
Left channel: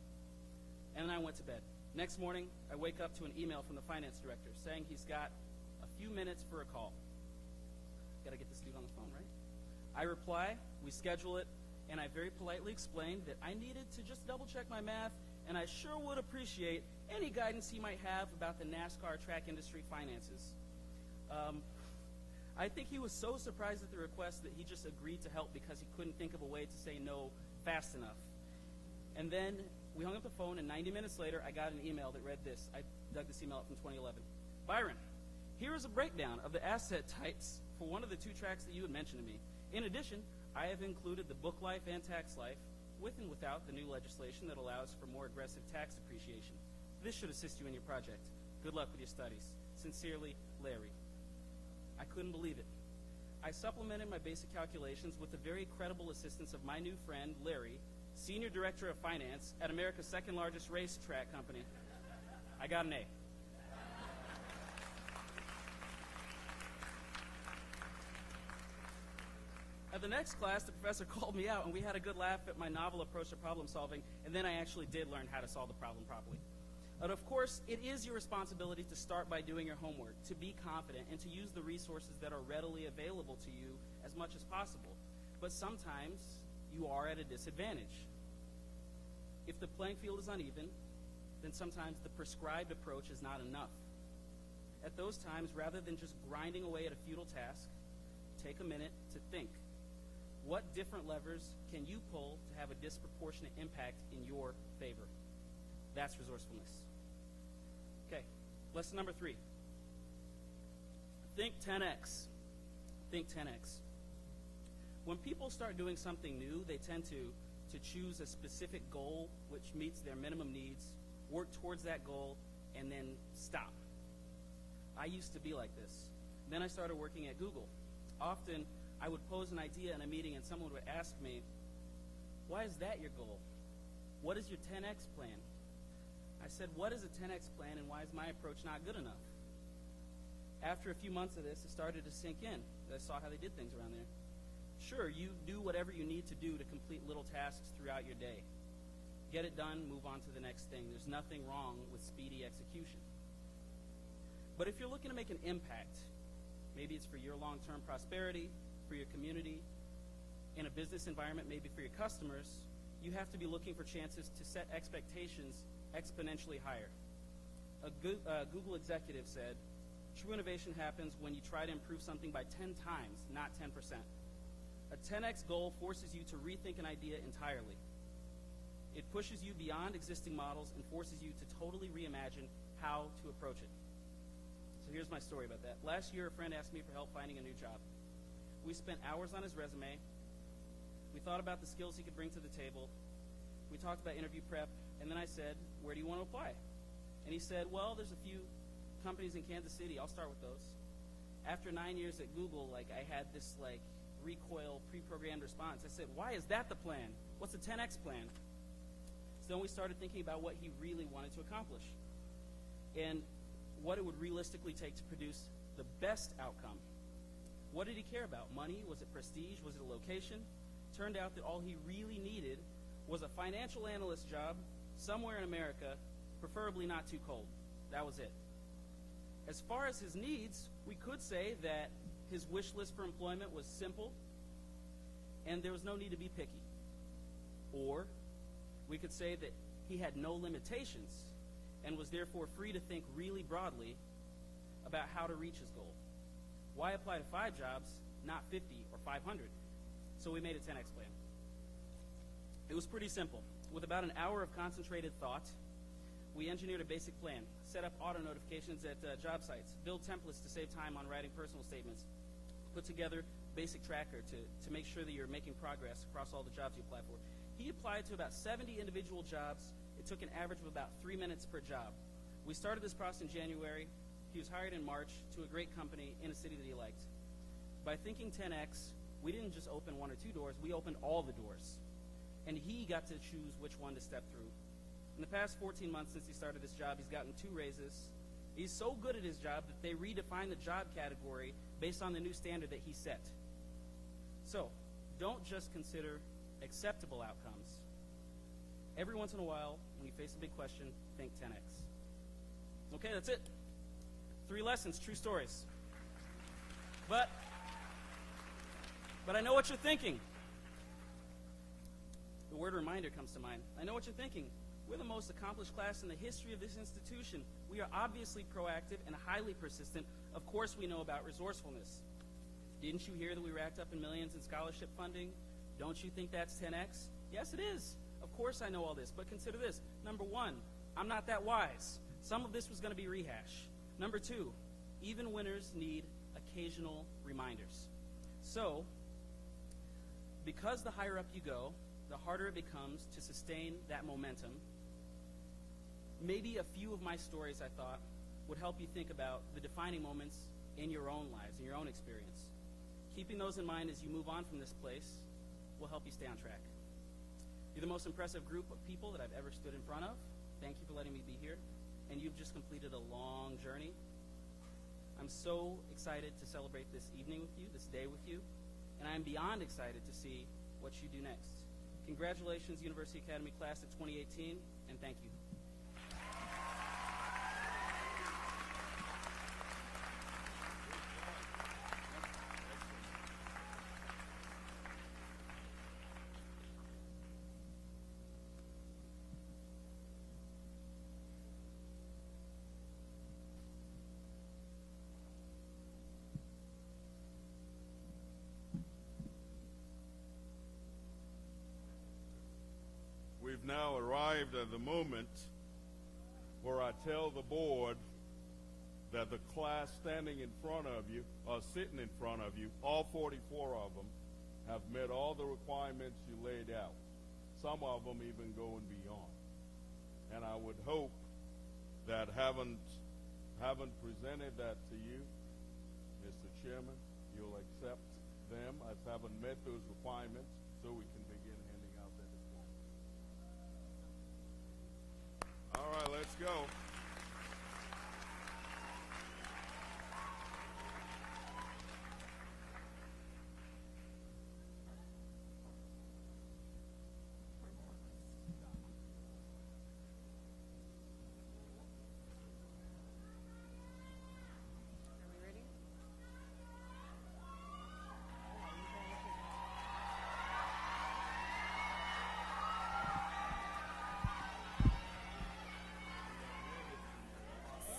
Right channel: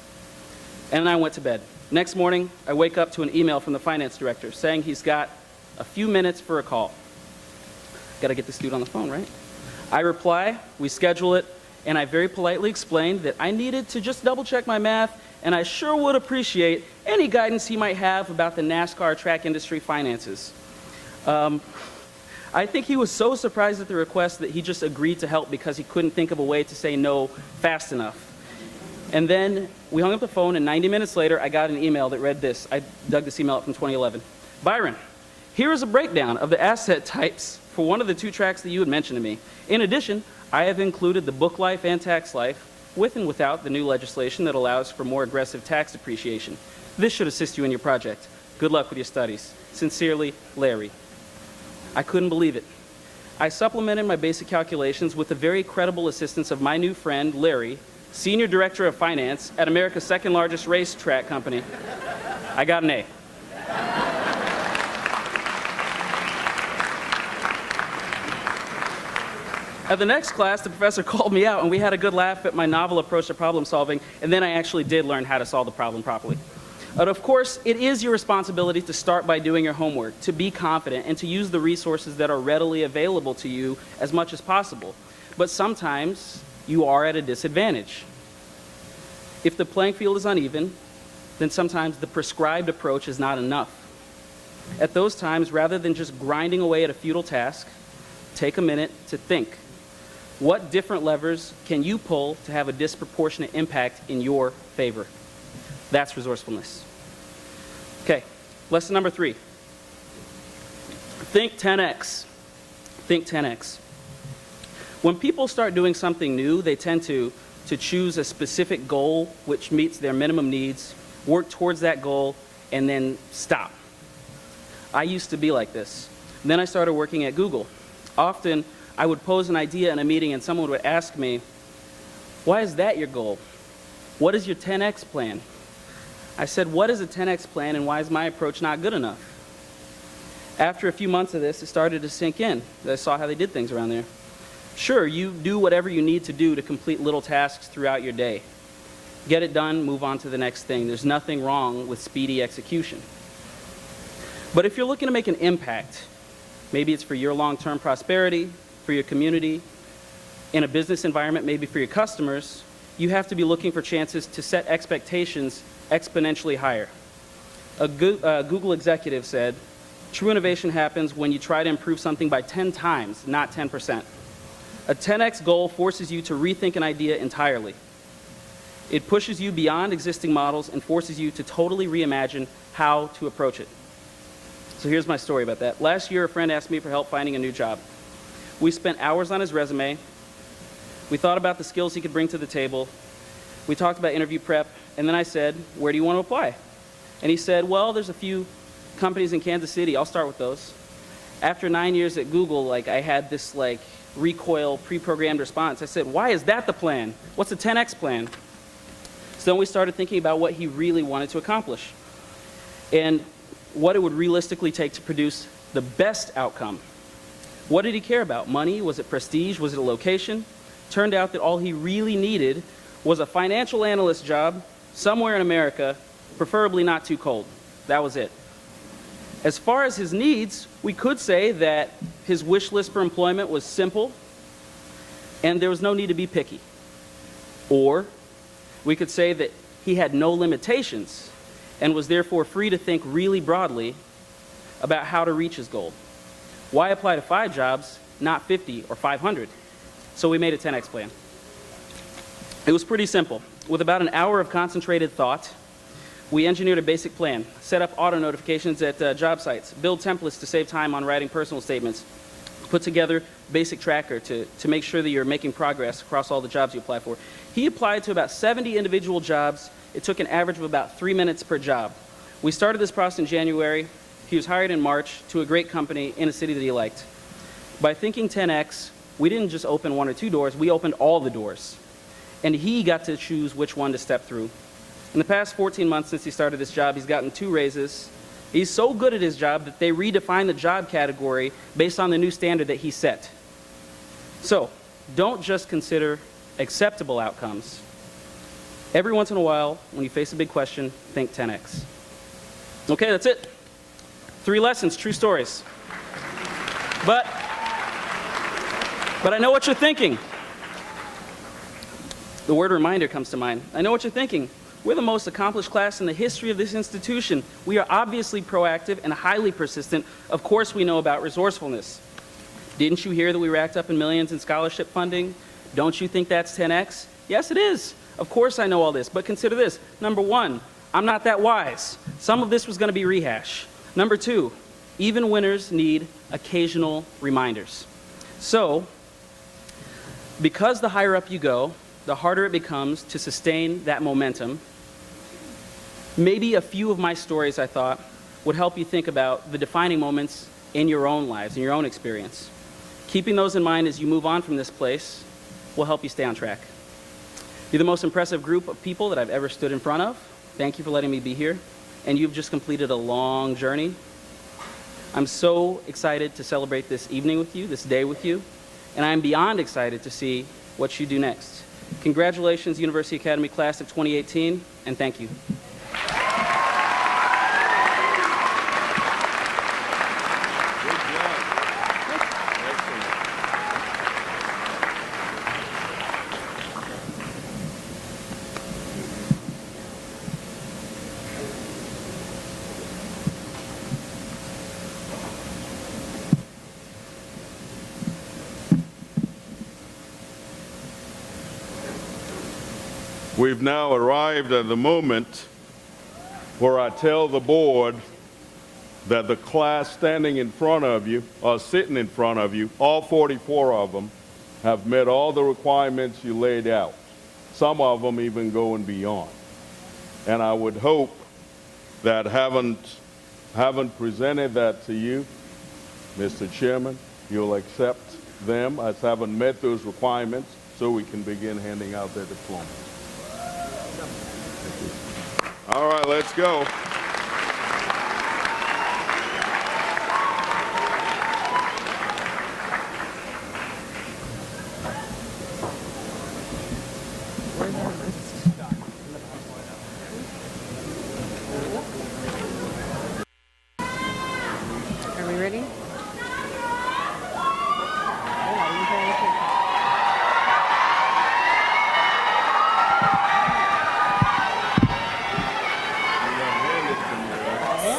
And I went to bed. Next morning, I wake up to an email from the finance director saying he's got a few minutes for a call. Got to get this dude on the phone, right? I reply, we schedule it, and I very politely explained that I needed to just double check my math, and I sure would appreciate any guidance he might have about the NASCAR track industry finances. I think he was so surprised at the request that he just agreed to help because he couldn't think of a way to say no fast enough. And then we hung up the phone, and 90 minutes later, I got an email that read this. I dug this email up from 2011. Byron, here is a breakdown of the asset types for one of the 2 tracks that you had mentioned to me. In addition, I have included the book life and tax life with and without the new legislation that allows for more aggressive tax depreciation. This should assist you in your project. Good luck with your studies. Sincerely, Larry. I couldn't believe it. I supplemented my basic calculations with the very credible assistance of my new friend, Larry, Senior Director of Finance at America's second largest racetrack company. I got an A. At the next class, the professor called me out, and we had a good laugh at my novel approach to problem solving, and then I actually did learn how to solve the problem properly. But of course, it is your responsibility to start by doing your homework, to be confident, and to use the resources that are readily available to you as much as possible. But sometimes you are at a disadvantage. If the playing field is uneven, then sometimes the prescribed approach is not enough. At those times, rather than just grinding away at a futile task, take a minute to think. What different levers can you pull to have a disproportionate impact in your favor? That's resourcefulness. Okay, lesson number 3. Think 10x. Think 10x. When people start doing something new, they tend to to choose a specific goal which meets their minimum needs, work towards that goal, and then stop. I used to be like this. Then I started working at Google. Often, I would pose an idea in a meeting and someone would ask me, "Why is that your goal? What is your 10X plan?" I said, "What is a 10X plan and why is my approach not good enough?" After a few months of this, it started to sink in. I saw how they did things around there. Sure, you do whatever you need to do to complete little tasks throughout your day. Get it done, move on to the next thing. There's nothing wrong with speedy execution. But if you're looking to make an impact, maybe it's for your long-term prosperity, for your community, in a business environment, maybe for your customers, you have to be looking for chances to set expectations exponentially higher. A Google executive said, "True innovation happens when you try to improve something by 10 times, not 10%. A 10X goal forces you to rethink an idea entirely. It pushes you beyond existing models and forces you to totally reimagine how to approach it." So here's my story about that. Last year, a friend asked me for help finding a new job. We spent hours on his resume. We thought about the skills he could bring to the table. We talked about interview prep, and then I said, "Where do you want to apply?" And he said, "Well, there's a few companies in Kansas City. I'll start with those." After 9 years at Google, I had this recoil, pre-programmed response. I said, "Why is that the plan? What's the 10X plan?" So then we started thinking about what he really wanted to accomplish and what it would realistically take to produce the best outcome. What did he care about? Money? Was it prestige? Was it a location? Turned out that all he really needed was a financial analyst job somewhere in America, preferably not too cold. That was it. As far as his needs, we could say that his wish list for employment was simple and there was no need to be picky. Or we could say that he had no limitations and was therefore free to think really broadly about how to reach his goal. Why apply to 5 jobs, not 50 or 500? So we made a 10X plan. It was pretty simple. With about an hour of concentrated thought, we engineered a basic plan, set up auto notifications at job sites, build templates to save time on writing personal statements, put together basic tracker to make sure that you're making progress across all the jobs you apply for. He applied to about 70 individual jobs. It took an average of about 3 minutes per job. We started this process in January. He was hired in March to a great company in a city that he liked. By thinking 10X, we didn't just open 1 or 2 doors, we opened all the doors. And he got to choose which one to step through. In the past 14 months since he started this job, he's gotten 2 raises. He's so good at his job that they redefined the job category based on the new standard that he set. So, don't just consider acceptable outcomes. Every once in a while, when you face a big question, think 10X. Okay, that's it. 3 lessons, true stories. But I know what you're thinking. The word reminder comes to mind. I know what you're thinking. We're the most accomplished class in the history of this institution. We are obviously proactive and highly persistent. Of course we know about resourcefulness. Didn't you hear that we racked up in millions in scholarship funding? Don't you think that's 10X? Yes, it is. Of course I know all this, but consider this. Number 1, I'm not that wise. Some of this was going to be rehash. Number 2, even winners need occasional reminders. So, because the higher up you go, the harder it becomes to sustain that momentum. Maybe a few of my stories, I thought, would help you think about the defining moments in your own lives, in your own experience. Keeping those in mind as you move on from this place will help you stay on track. You're the most impressive group of people that I've ever stood in front of. Thank you for letting me be here. And you've just completed a long journey. I'm so excited to celebrate this evening with you, this day with you, and I'm beyond excited to see what you do next. Congratulations, University Academy Class of 2018, and thank you. We've now arrived at the moment where I tell the board that the class standing in front of you, or sitting in front of you, all 44 of them, have met all the requirements you laid out. some of them even going beyond. And I would hope that having presented that to you, Mr. Chairman, you'll accept them as having met those requirements so we can begin handing out their diplomas. All right, let's go. Are we ready?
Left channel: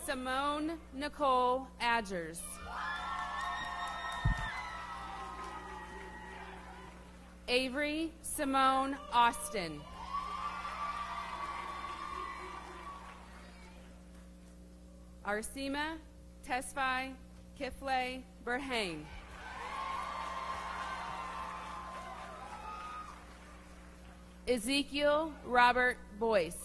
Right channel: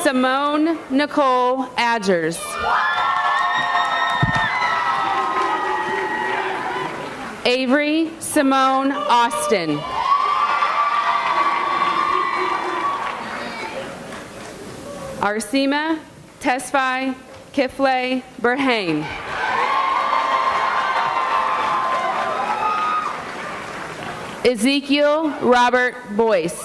Simone Nicole Adgers. Avery Simone Austin. Arsima Tesfai Kifle Berhane. Ezekiel Robert Boyce.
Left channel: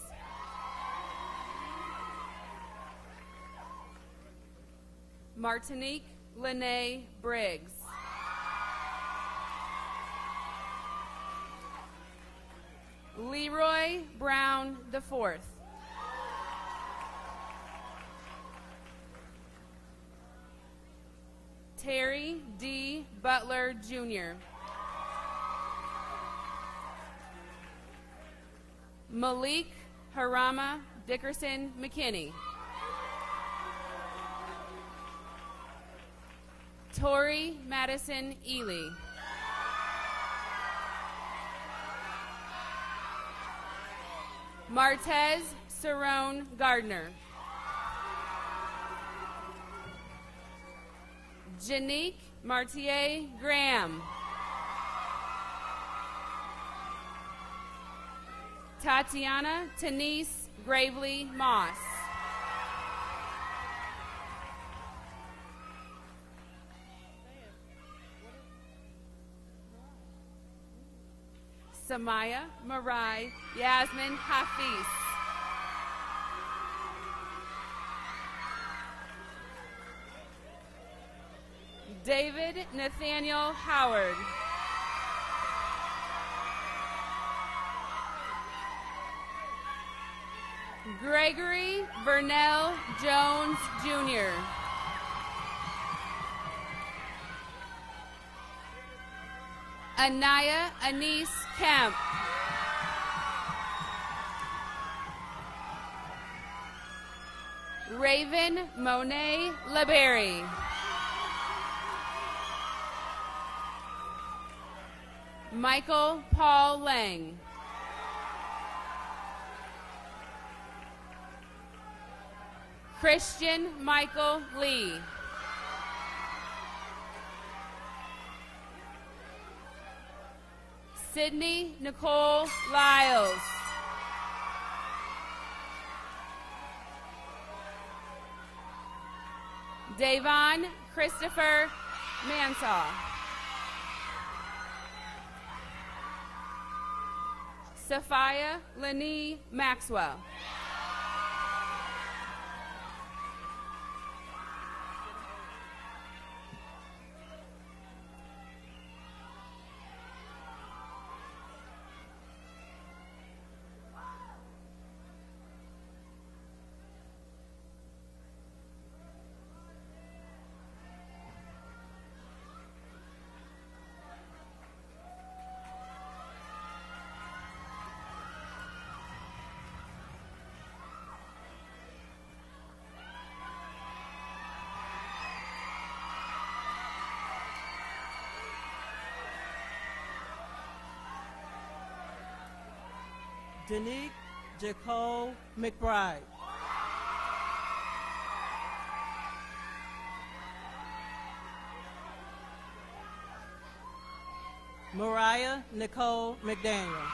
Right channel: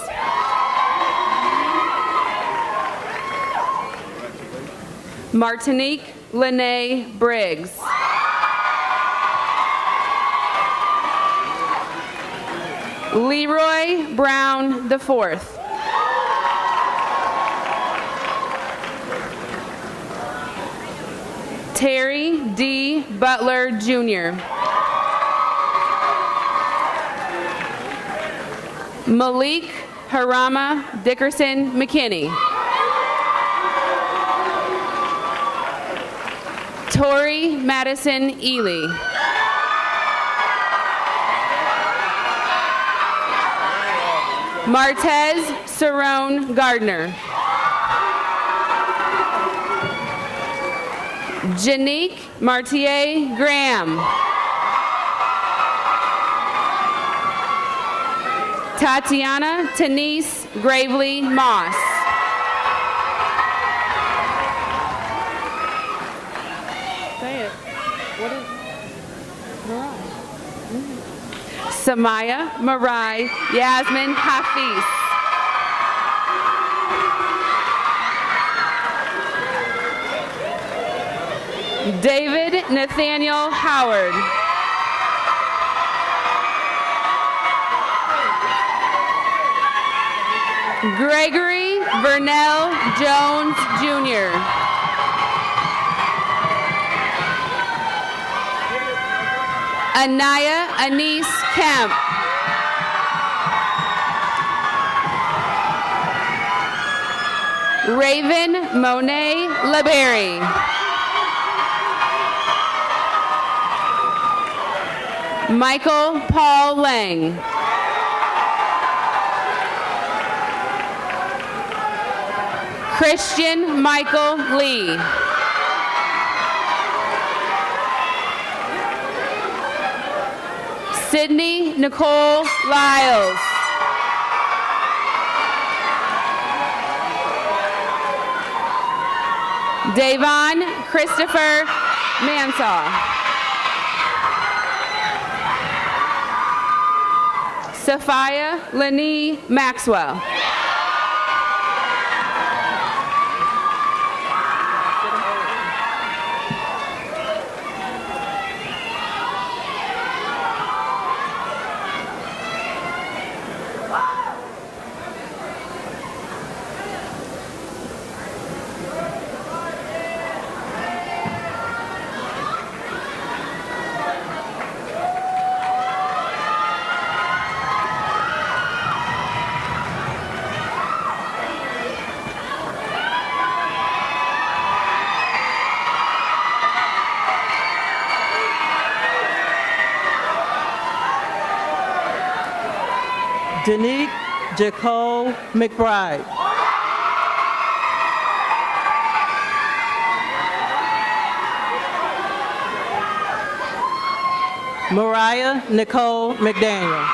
Martinique Lene Briggs. Leroy Brown IV. Terry D. Butler Jr. Malik Harama Dickerson McKinney. Tori Madison Ely. Martez Cerrone Gardner. Janique Martier Graham. Tatiana Denise Gravely Moss. Say it. What is Samaya Marai Yasmin Hafiz. David Nathaniel Howard. Gregory Vernell Jones Jr. Anaya Anise Kemp. Raven Monet LeBerry. Michael Paul Lang. Christian Michael Lee. Sydney Nicole Lyles. Davon Christopher Mansaw. Sophia Lenee Maxwell. Danique Jacole McBride. Mariah Nicole McDaniel.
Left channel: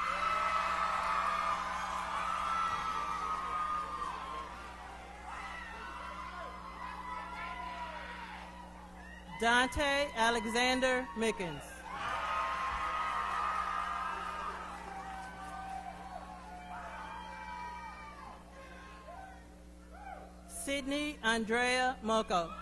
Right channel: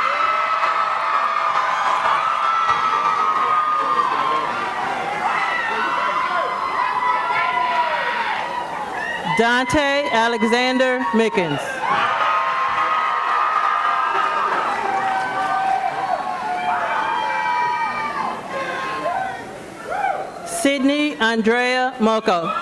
Dante Alexander Mickens. Sydney Andrea Moco.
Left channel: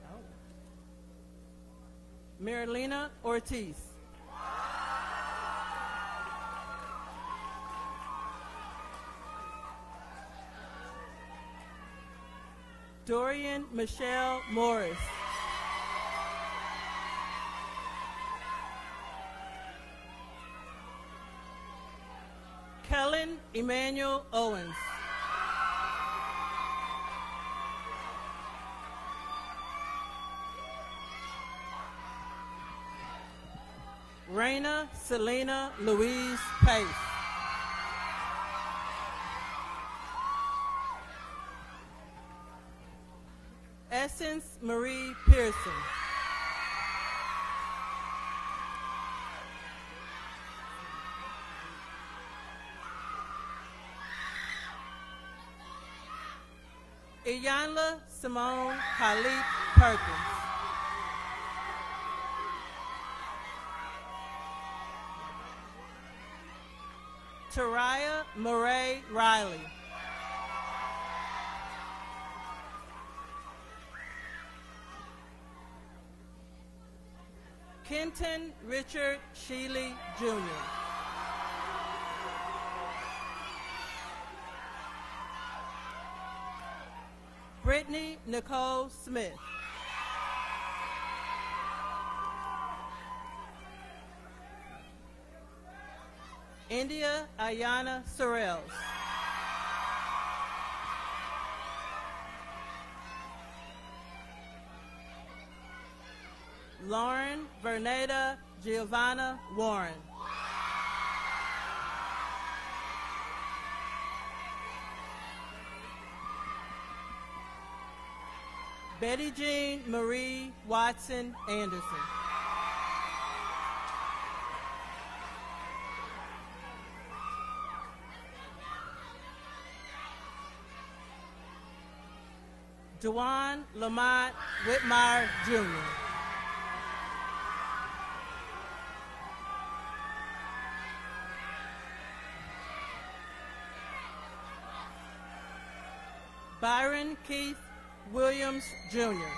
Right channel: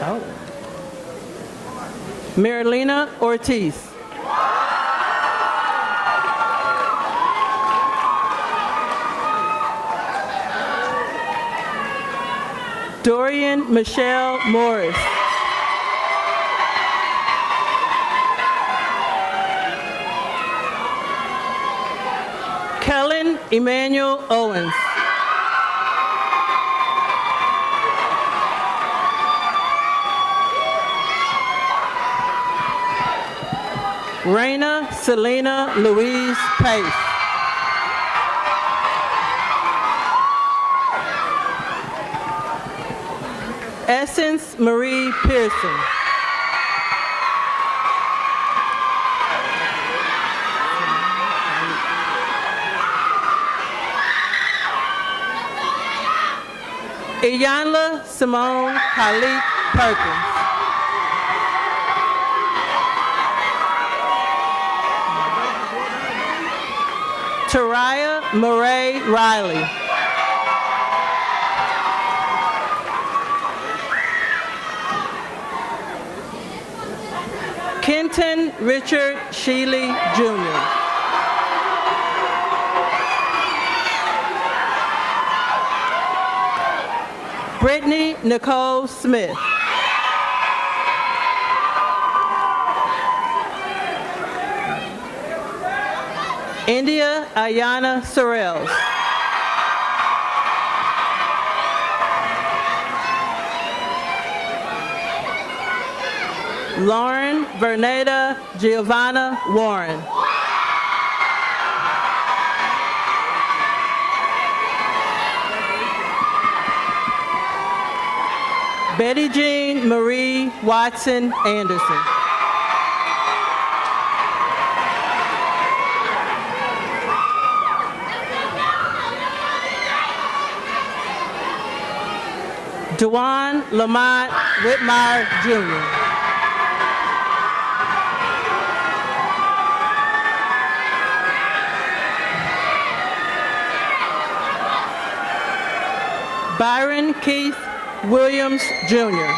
Oh. Marilena Ortiz. Dorian Michelle Morris. Kellen Emmanuel Owens. Raina Selena Louise Pace. Essence Marie Pearson. Iyanla Simone Halik Perkins. Taraya Murray Riley. Kenton Richard Sheely Jr. Brittany Nicole Smith. India Ayana Sorrells. Lauren Verneda Giovanna Warren. Betty Jean Marie Watson Anderson. Dewan Lamont Whitmire Jr. Byron Keith Williams Jr.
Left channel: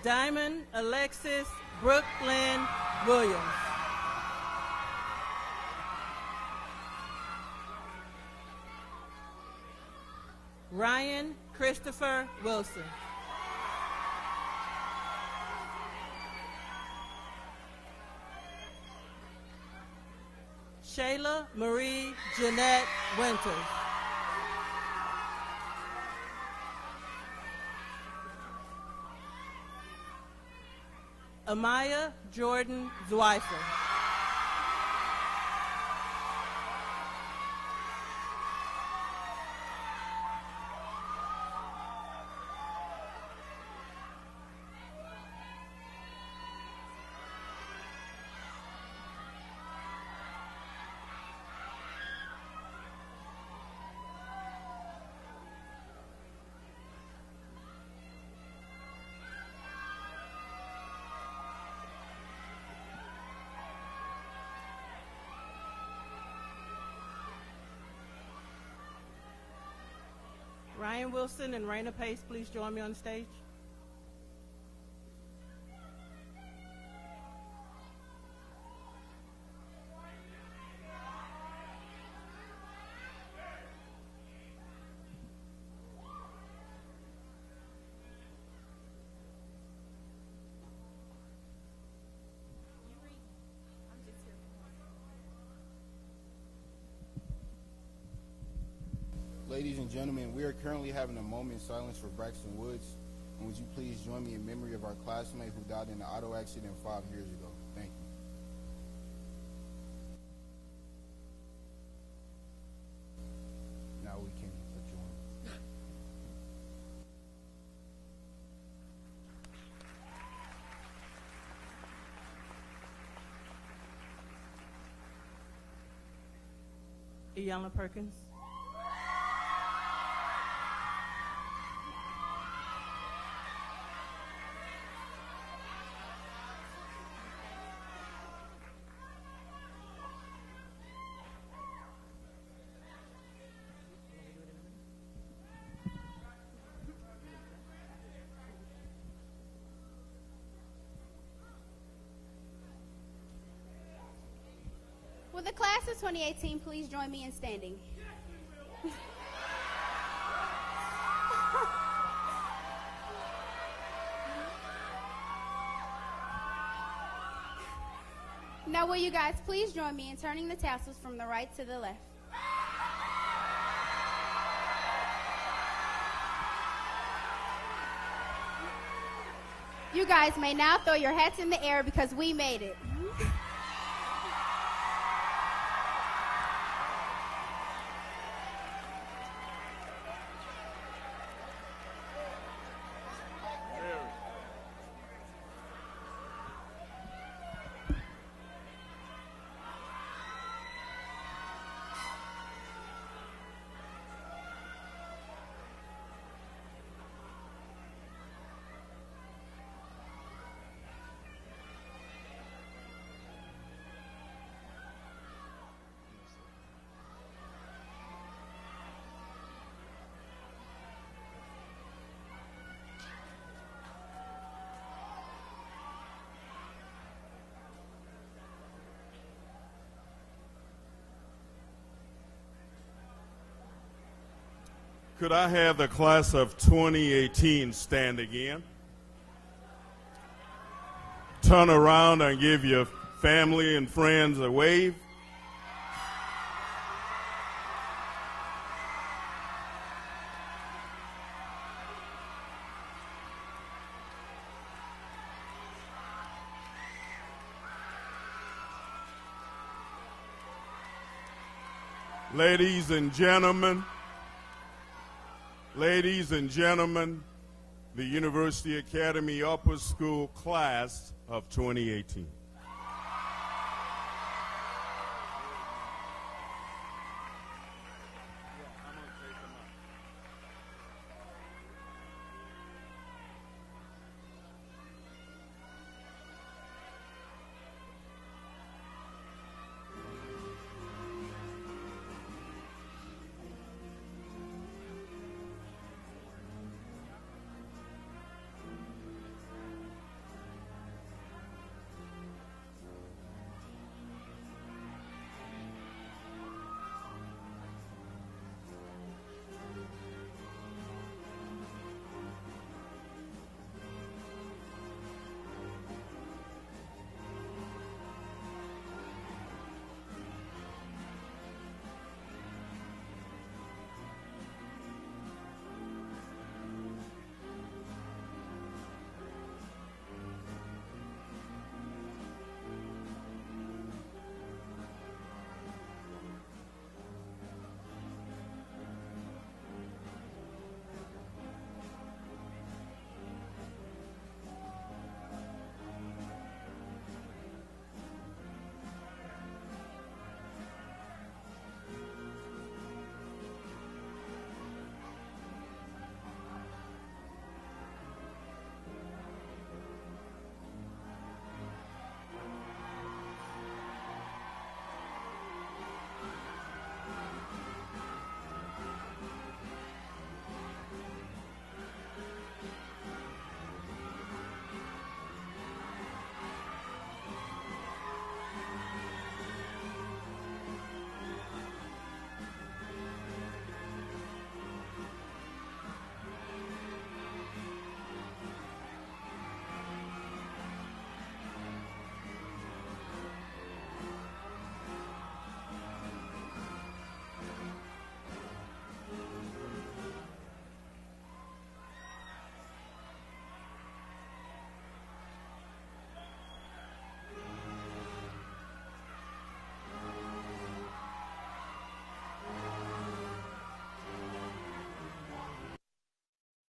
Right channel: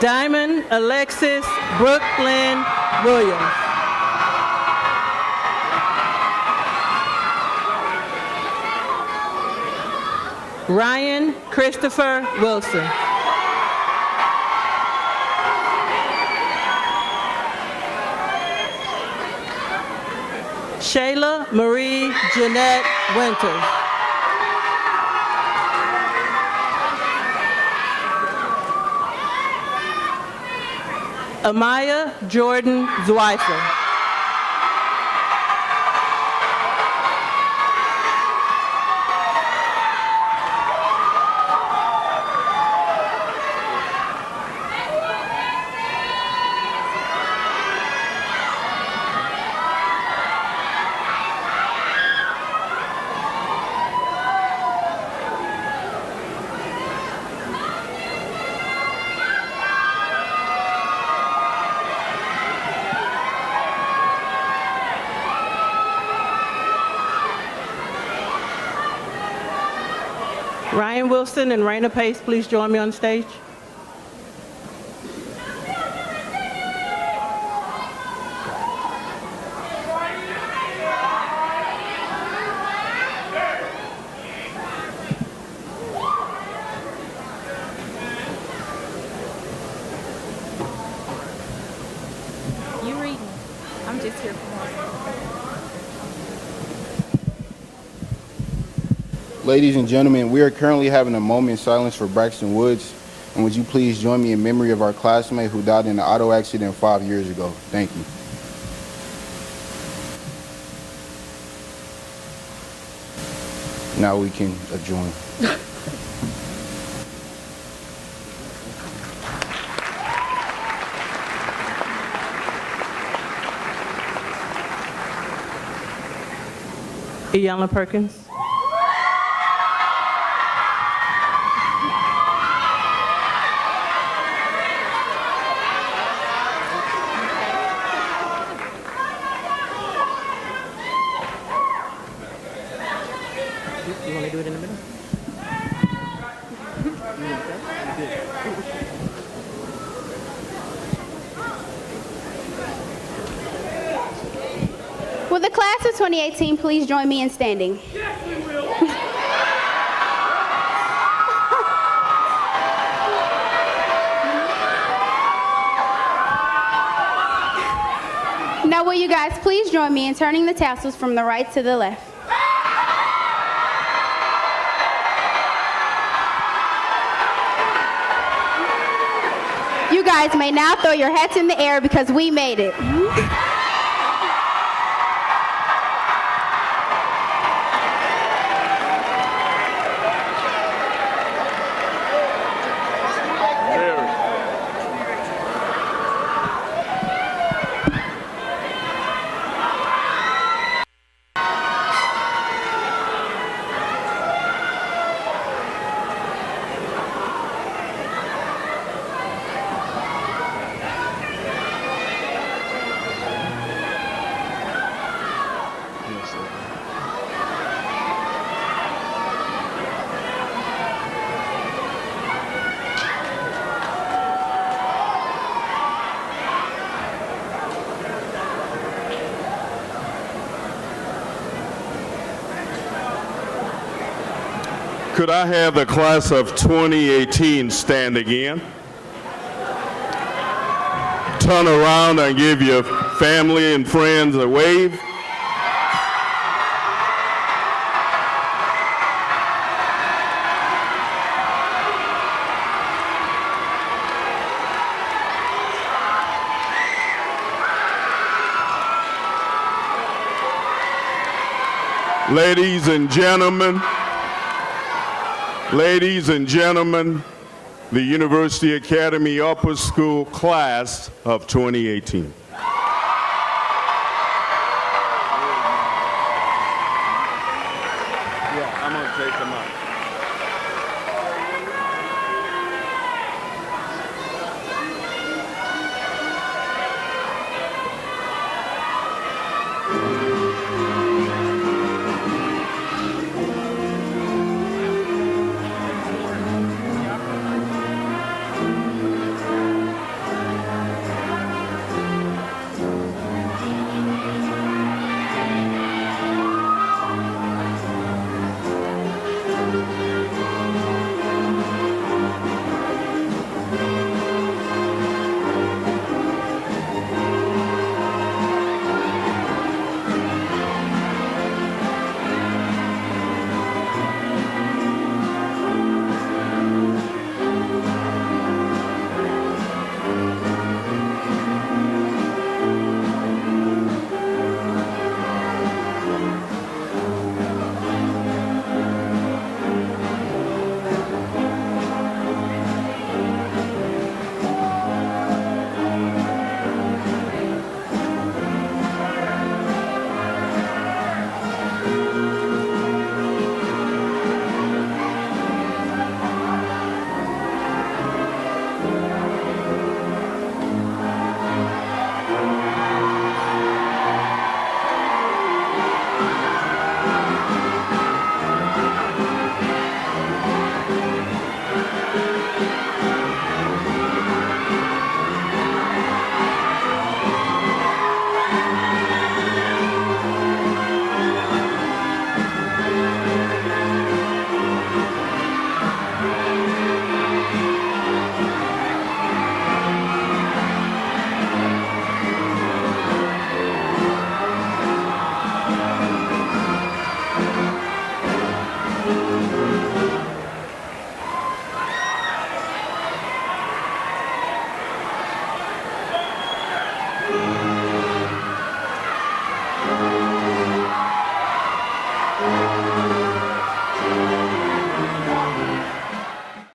Diamond Alexis Brooklyn Williams. Ryan Christopher Wilson. Shayla Marie Jeanette Winters. Amaya Jordan Zweifer. Ryan Wilson and Raina Pace, please join me on stage. You reading? I'm just here for more. Ladies and gentlemen, we are currently having a moment in silence for Braxton Woods. And would you please join me in memory of our classmate who died in an auto accident 5 years ago? Thank you. Now we can adjourn. Iyanla Perkins. Will the class of 2018 please join me in standing? Yes, we will. Now will you guys please join me in turning the tassels from the right to the left? You guys may now throw your hats in the air because we made it. Could I have the class of 2018 stand again? Turn around and give your family and friends a wave. Ladies and gentlemen, the University Academy Upper School class of 2018.